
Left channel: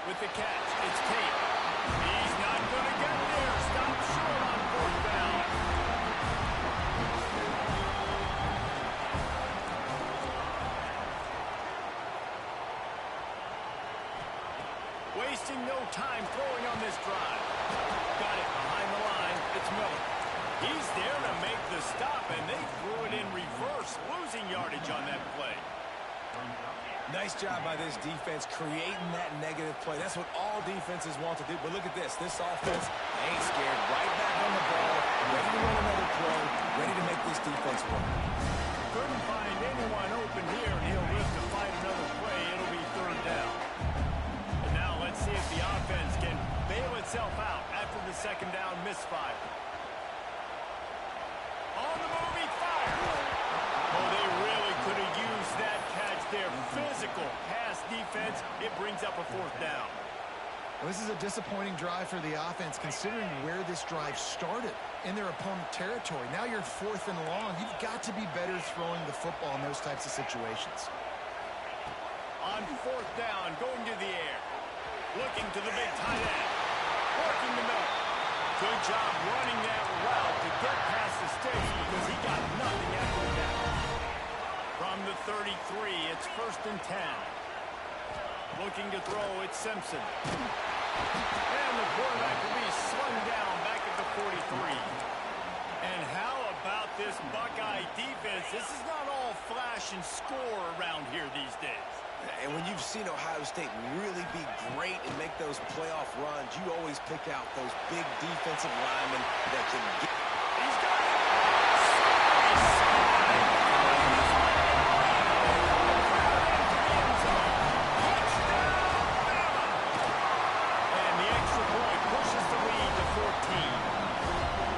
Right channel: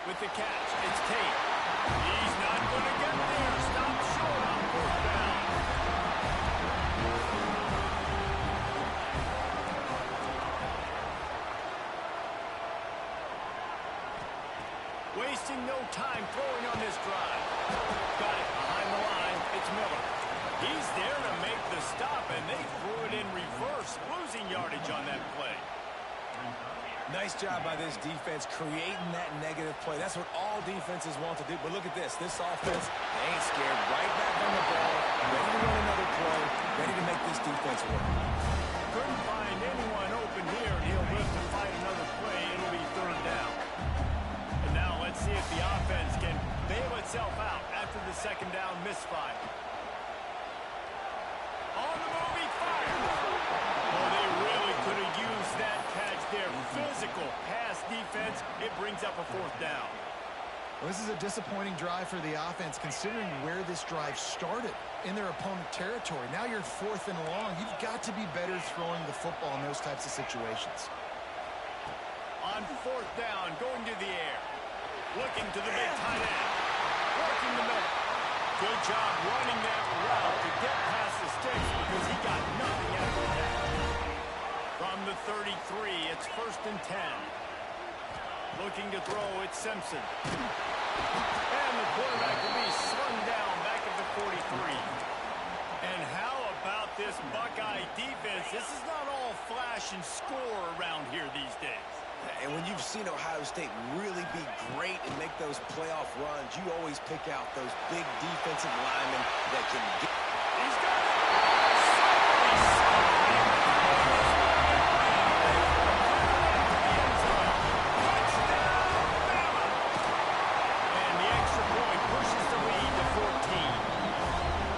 With the catch, it's Tate. He's not going to get there. Stop short on fourth down. Wasting no time throwing on this drive. Got it behind the line. It's Miller. He's there to make the stop, and they threw it in reverse, losing yardage on that play. Nice job by this defense creating that negative play. That's what all defenses want to do. But look at this. This offense, they ain't scared. Right back on the ball, ready to run another play, ready to make this defense work. Couldn't find anyone open here, and he'll live to fight another play. It'll be third down. And now let's see if the offense can bail itself out after the second down misfire. On the move, he fires. Oh, they really could have used that catch there. Physical pass defense. It brings up a fourth down. Well, this is a disappointing drive for the offense, considering where this drive started in their opponent territory. Now you're fourth and long. You've got to be better throwing the football in those types of situations. On fourth down, going to the air. Looking to the big tight end. Working the middle. Good job running that route to get past the sticks because he got nothing after that. From the 33, it's first and 10. Looking to throw, it's Simpson. And the quarterback will be slung down back at the 43. And how about this Buckeye defense? This is not all flash and score around here these days. And when you've seen Ohio State really be great and make those playoff runs, you always pick out those big defensive linemen that can get. He's got it. Slippery slide. Into the end zone. Touchdown, Bama. And the extra point pushes the lead to 14.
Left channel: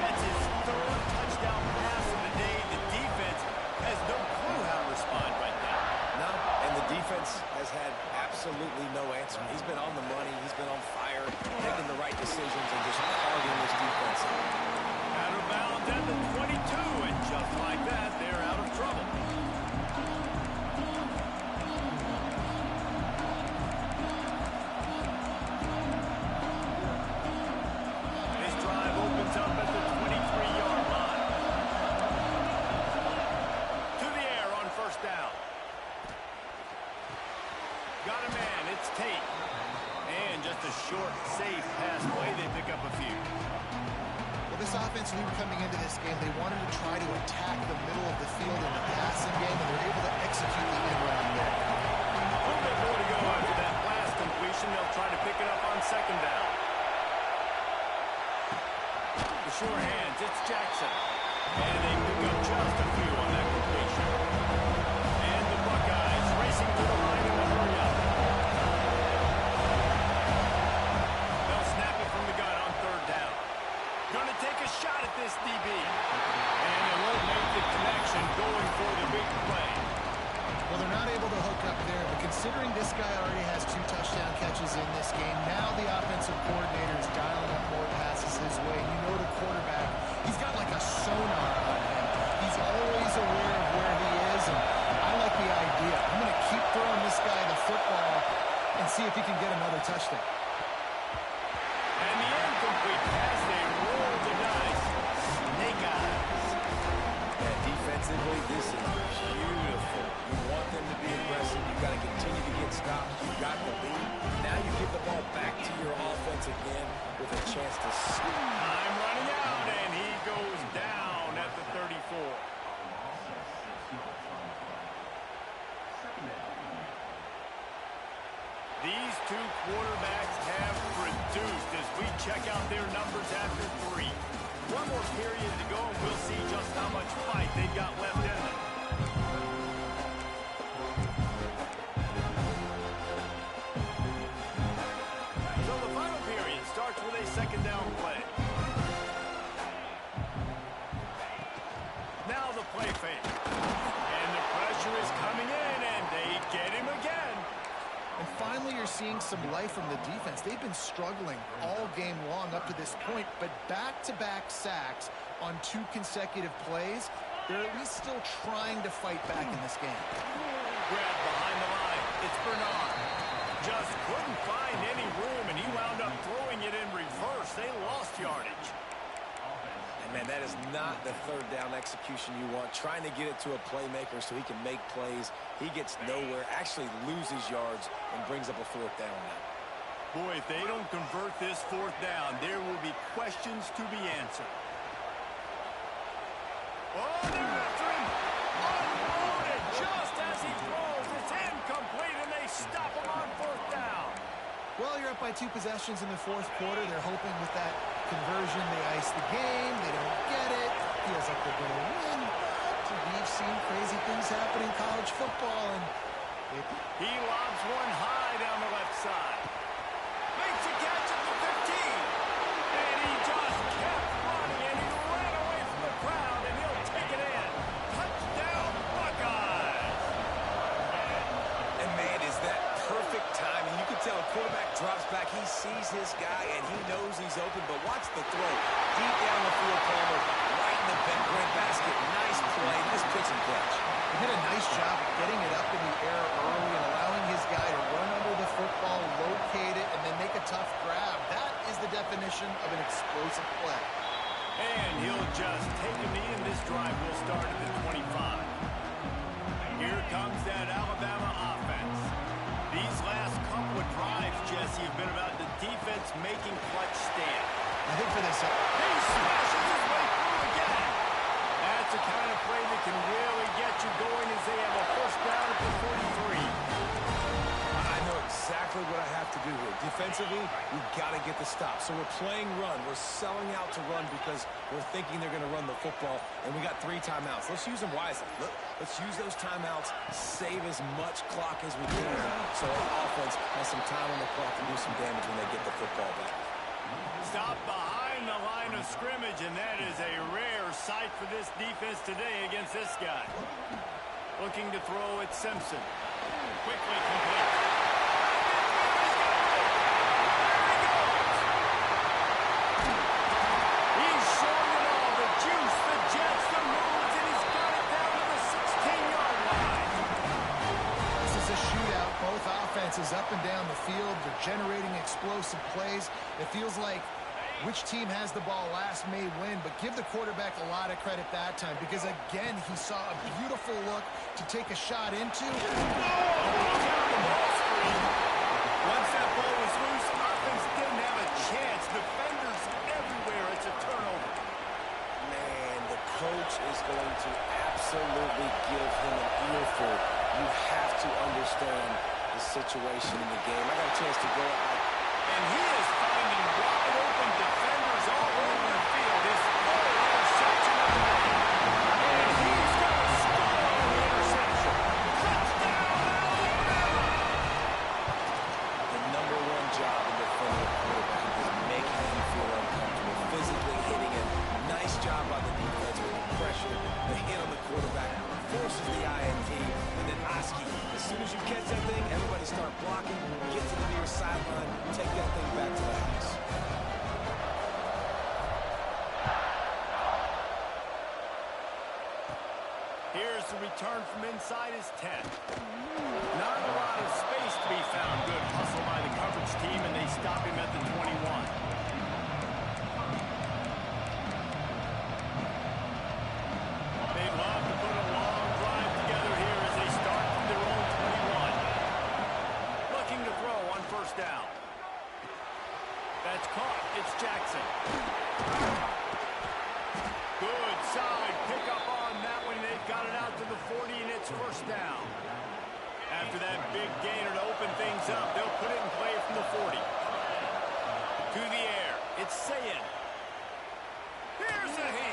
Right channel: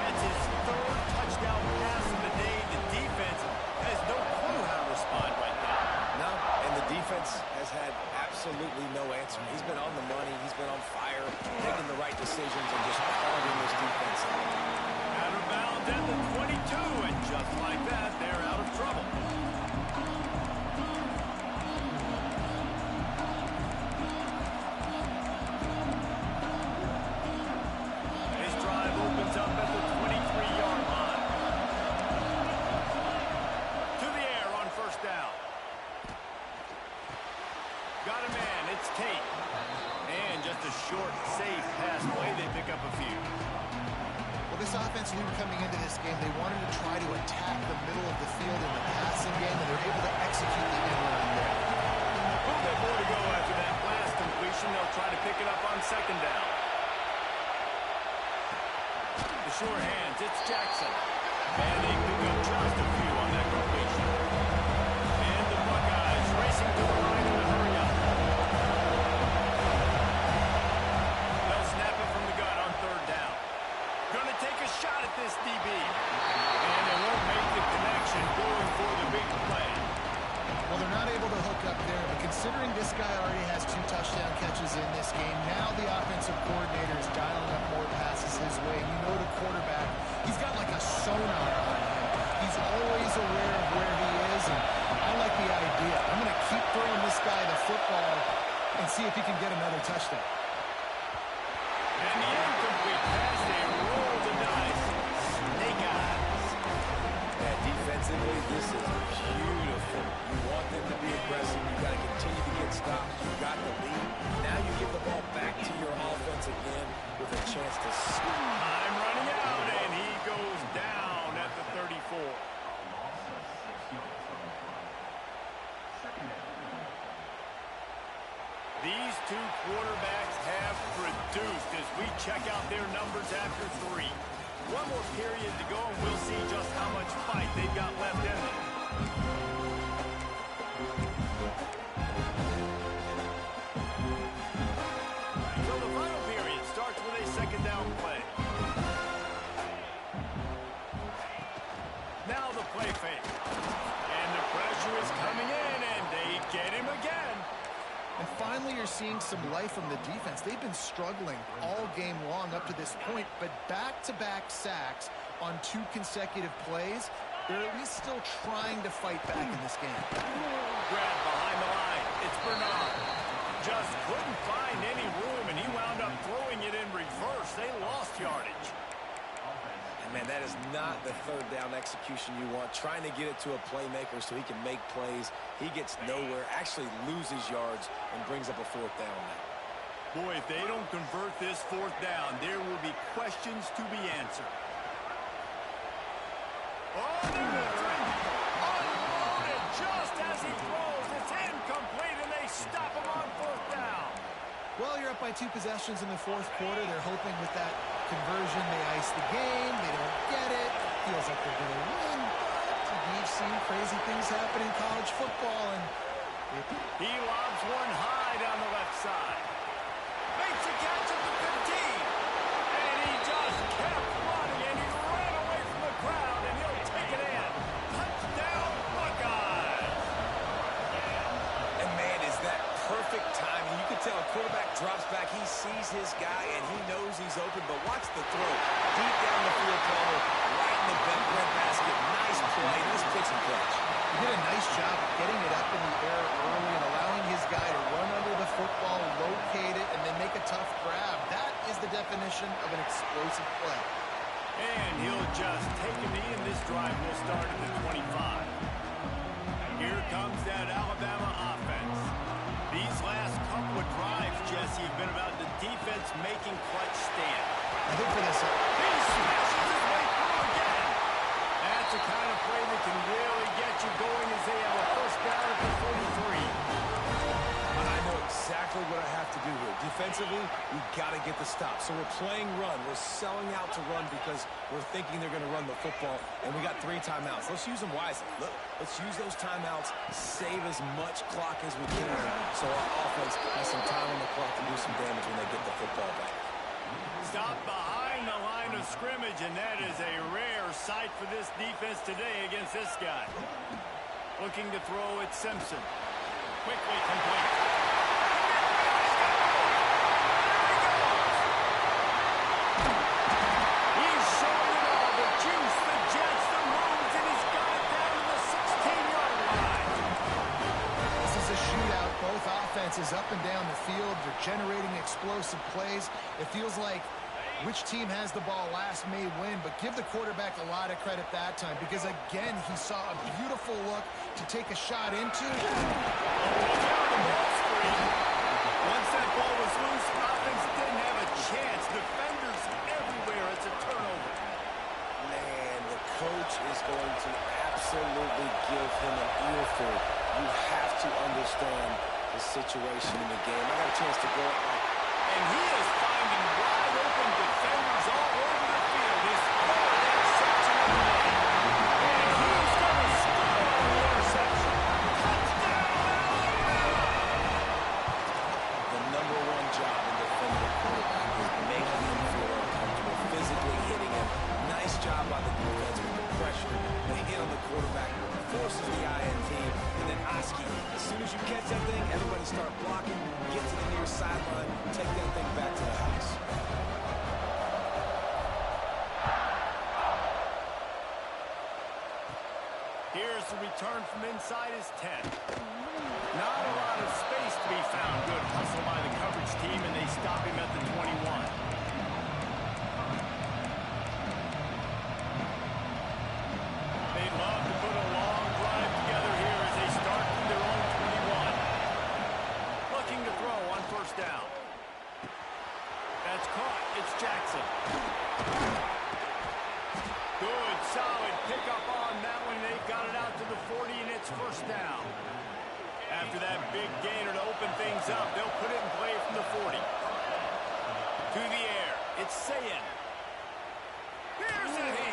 That's his third touchdown pass of the day. The defense has no clue how to respond right now. No, and the defense has had absolutely no answer. He's been on the money. He's been on fire, making the right decisions and just carving this defense up. Out of bounds at the 22, and just like that, they're out of trouble. This drive opens up at the 23-yard line. To the air on first down. Got a man, it's Tate. And just a short, safe pass play, they pick up a few. Well, this offense knew coming into this game they wanted to try to attack the middle of the field in the passing game, and they're able to execute the end run there. A little bit more to go after that last completion. They'll try to pick it up on second down. The sure hands, it's Jackson. And they pick up just a few on that completion. And the Buckeyes racing to the line in the hurry-up. They'll snap it from the gun on third down. Going to take a shot at this DB. And it won't make the connection going for the big play. Well, they're not able to hook up there, but considering this guy already has 2 touchdown catches in this game, now the offensive coordinator is dialing up more passes his way. And you know the quarterback, he's got like a sonar on him. He's always aware of where he is, and I like the idea. I'm going to keep throwing this guy the football and see if he can get another touchdown. And the incomplete pass, they roll the dice. Snake eyes. Yeah, defensively, this is beautiful. You want them to be aggressive. You got to continue to get stops. You got the lead. Now you give the ball back to your offense again with a chance to score. Time running out, and he goes down at the 34. These two quarterbacks have produced as we check out their numbers after 3. One more period to go, and we'll see just how much fight they've got left in them. So the final period starts with a second down play. Now the play fake. And the pressure is coming in, and they get him again. And finally, you're seeing some life from the defense. They've been struggling all game long up to this point, but back-to-back sacks on 2 consecutive plays, they're at least still trying to fight back in this game. Grab behind the line. It's Bernard. Just couldn't find any room, and he wound up throwing it in reverse. They lost yardage. And, man, that is not the third down execution you want. Trying to get it to a playmaker so he can make plays. He gets nowhere, actually loses yards, and brings up a 4th down now. Boy, if they don't convert this 4th down, there will be questions to be answered. Oh, they're after him. Unloaded just as he throws. It's incomplete, and they stop him on 4th down. Well, you're up by 2 possessions in the 4th quarter. They're hoping with that conversion they ice the game. They don't get it. Feels like they're going to win, but we've seen crazy things happen in college football. And he lobs one high down the left side. Makes a catch at the 15. And he just kept running, and he ran away from the crowd, and he'll take it in. Touchdown, Buckeyes. And, man, is that perfect timing. You can tell a quarterback drops back. He sees his guy, and he knows he's open. But watch the throw. Deep down the field, Palmer, right in the breadbasket. Nice play. Nice pitch and catch. he did a nice job of getting it up in the air early and allowing his guy to run under the football, locate it, and then make a tough grab. That is the definition of an explosive play. And he'll just take a knee, and this drive will start at the 25. Here comes that Alabama offense. These last couple of drives, Jesse, have been about the defense making clutch stand. I think for this... He smashes his way through again. That's the kind of play that can really get you going as they have a 1st down at the 43. I know exactly what I have to do here. Defensively, we've got to get the stop. So we're playing run. We're selling out to run because we're thinking they're going to run the football, and we got 3 timeouts. Let's use them wisely. Let's use those timeouts, save as much clock as we can so our offense has some time on the clock to do some damage when they get the football back. Stop behind the line of scrimmage, and that is a rare sight for this defense today against this guy. Looking to throw at Simpson. Quickly complete. He's got room. There he goes. He's showing it all. The juice, the jets, the moves, and he's got it down to the 16-yard line. This is a shootout. Both offenses up and down the field. They're generating explosive plays. It feels like which team has the ball last may win, but give the quarterback a lot of credit that time because, again, he saw a beautiful look to take a shot into. Oh, look out, the ball screen. Once that ball was loose, offense didn't have a chance. Defenders everywhere. It's a turnover. Man, the coach is going to absolutely give him an earful. You have to understand the situation in the game. I got a chance to go up like... And he is finding wide open defenders all over the field. His 3rd interception of the day. forces the INT, and then Oski. As soon as you catch that thing, everybody start blocking, get to the near sideline, take that thing back to the house. Here's the return from inside his 10. Not a lot of space to be found. Good hustle by the coverage team, and they stop him at the 21. They'd love to put a long drive together here as they start from their own 21. Looking to throw on first down. That's caught. It's Jackson. Good, solid pickup on that one. They've got it out to the 40, and it's first down. After that big gainer to open things up, they'll put it in play from the 40. To the air. It's Sayin. Here's a hit.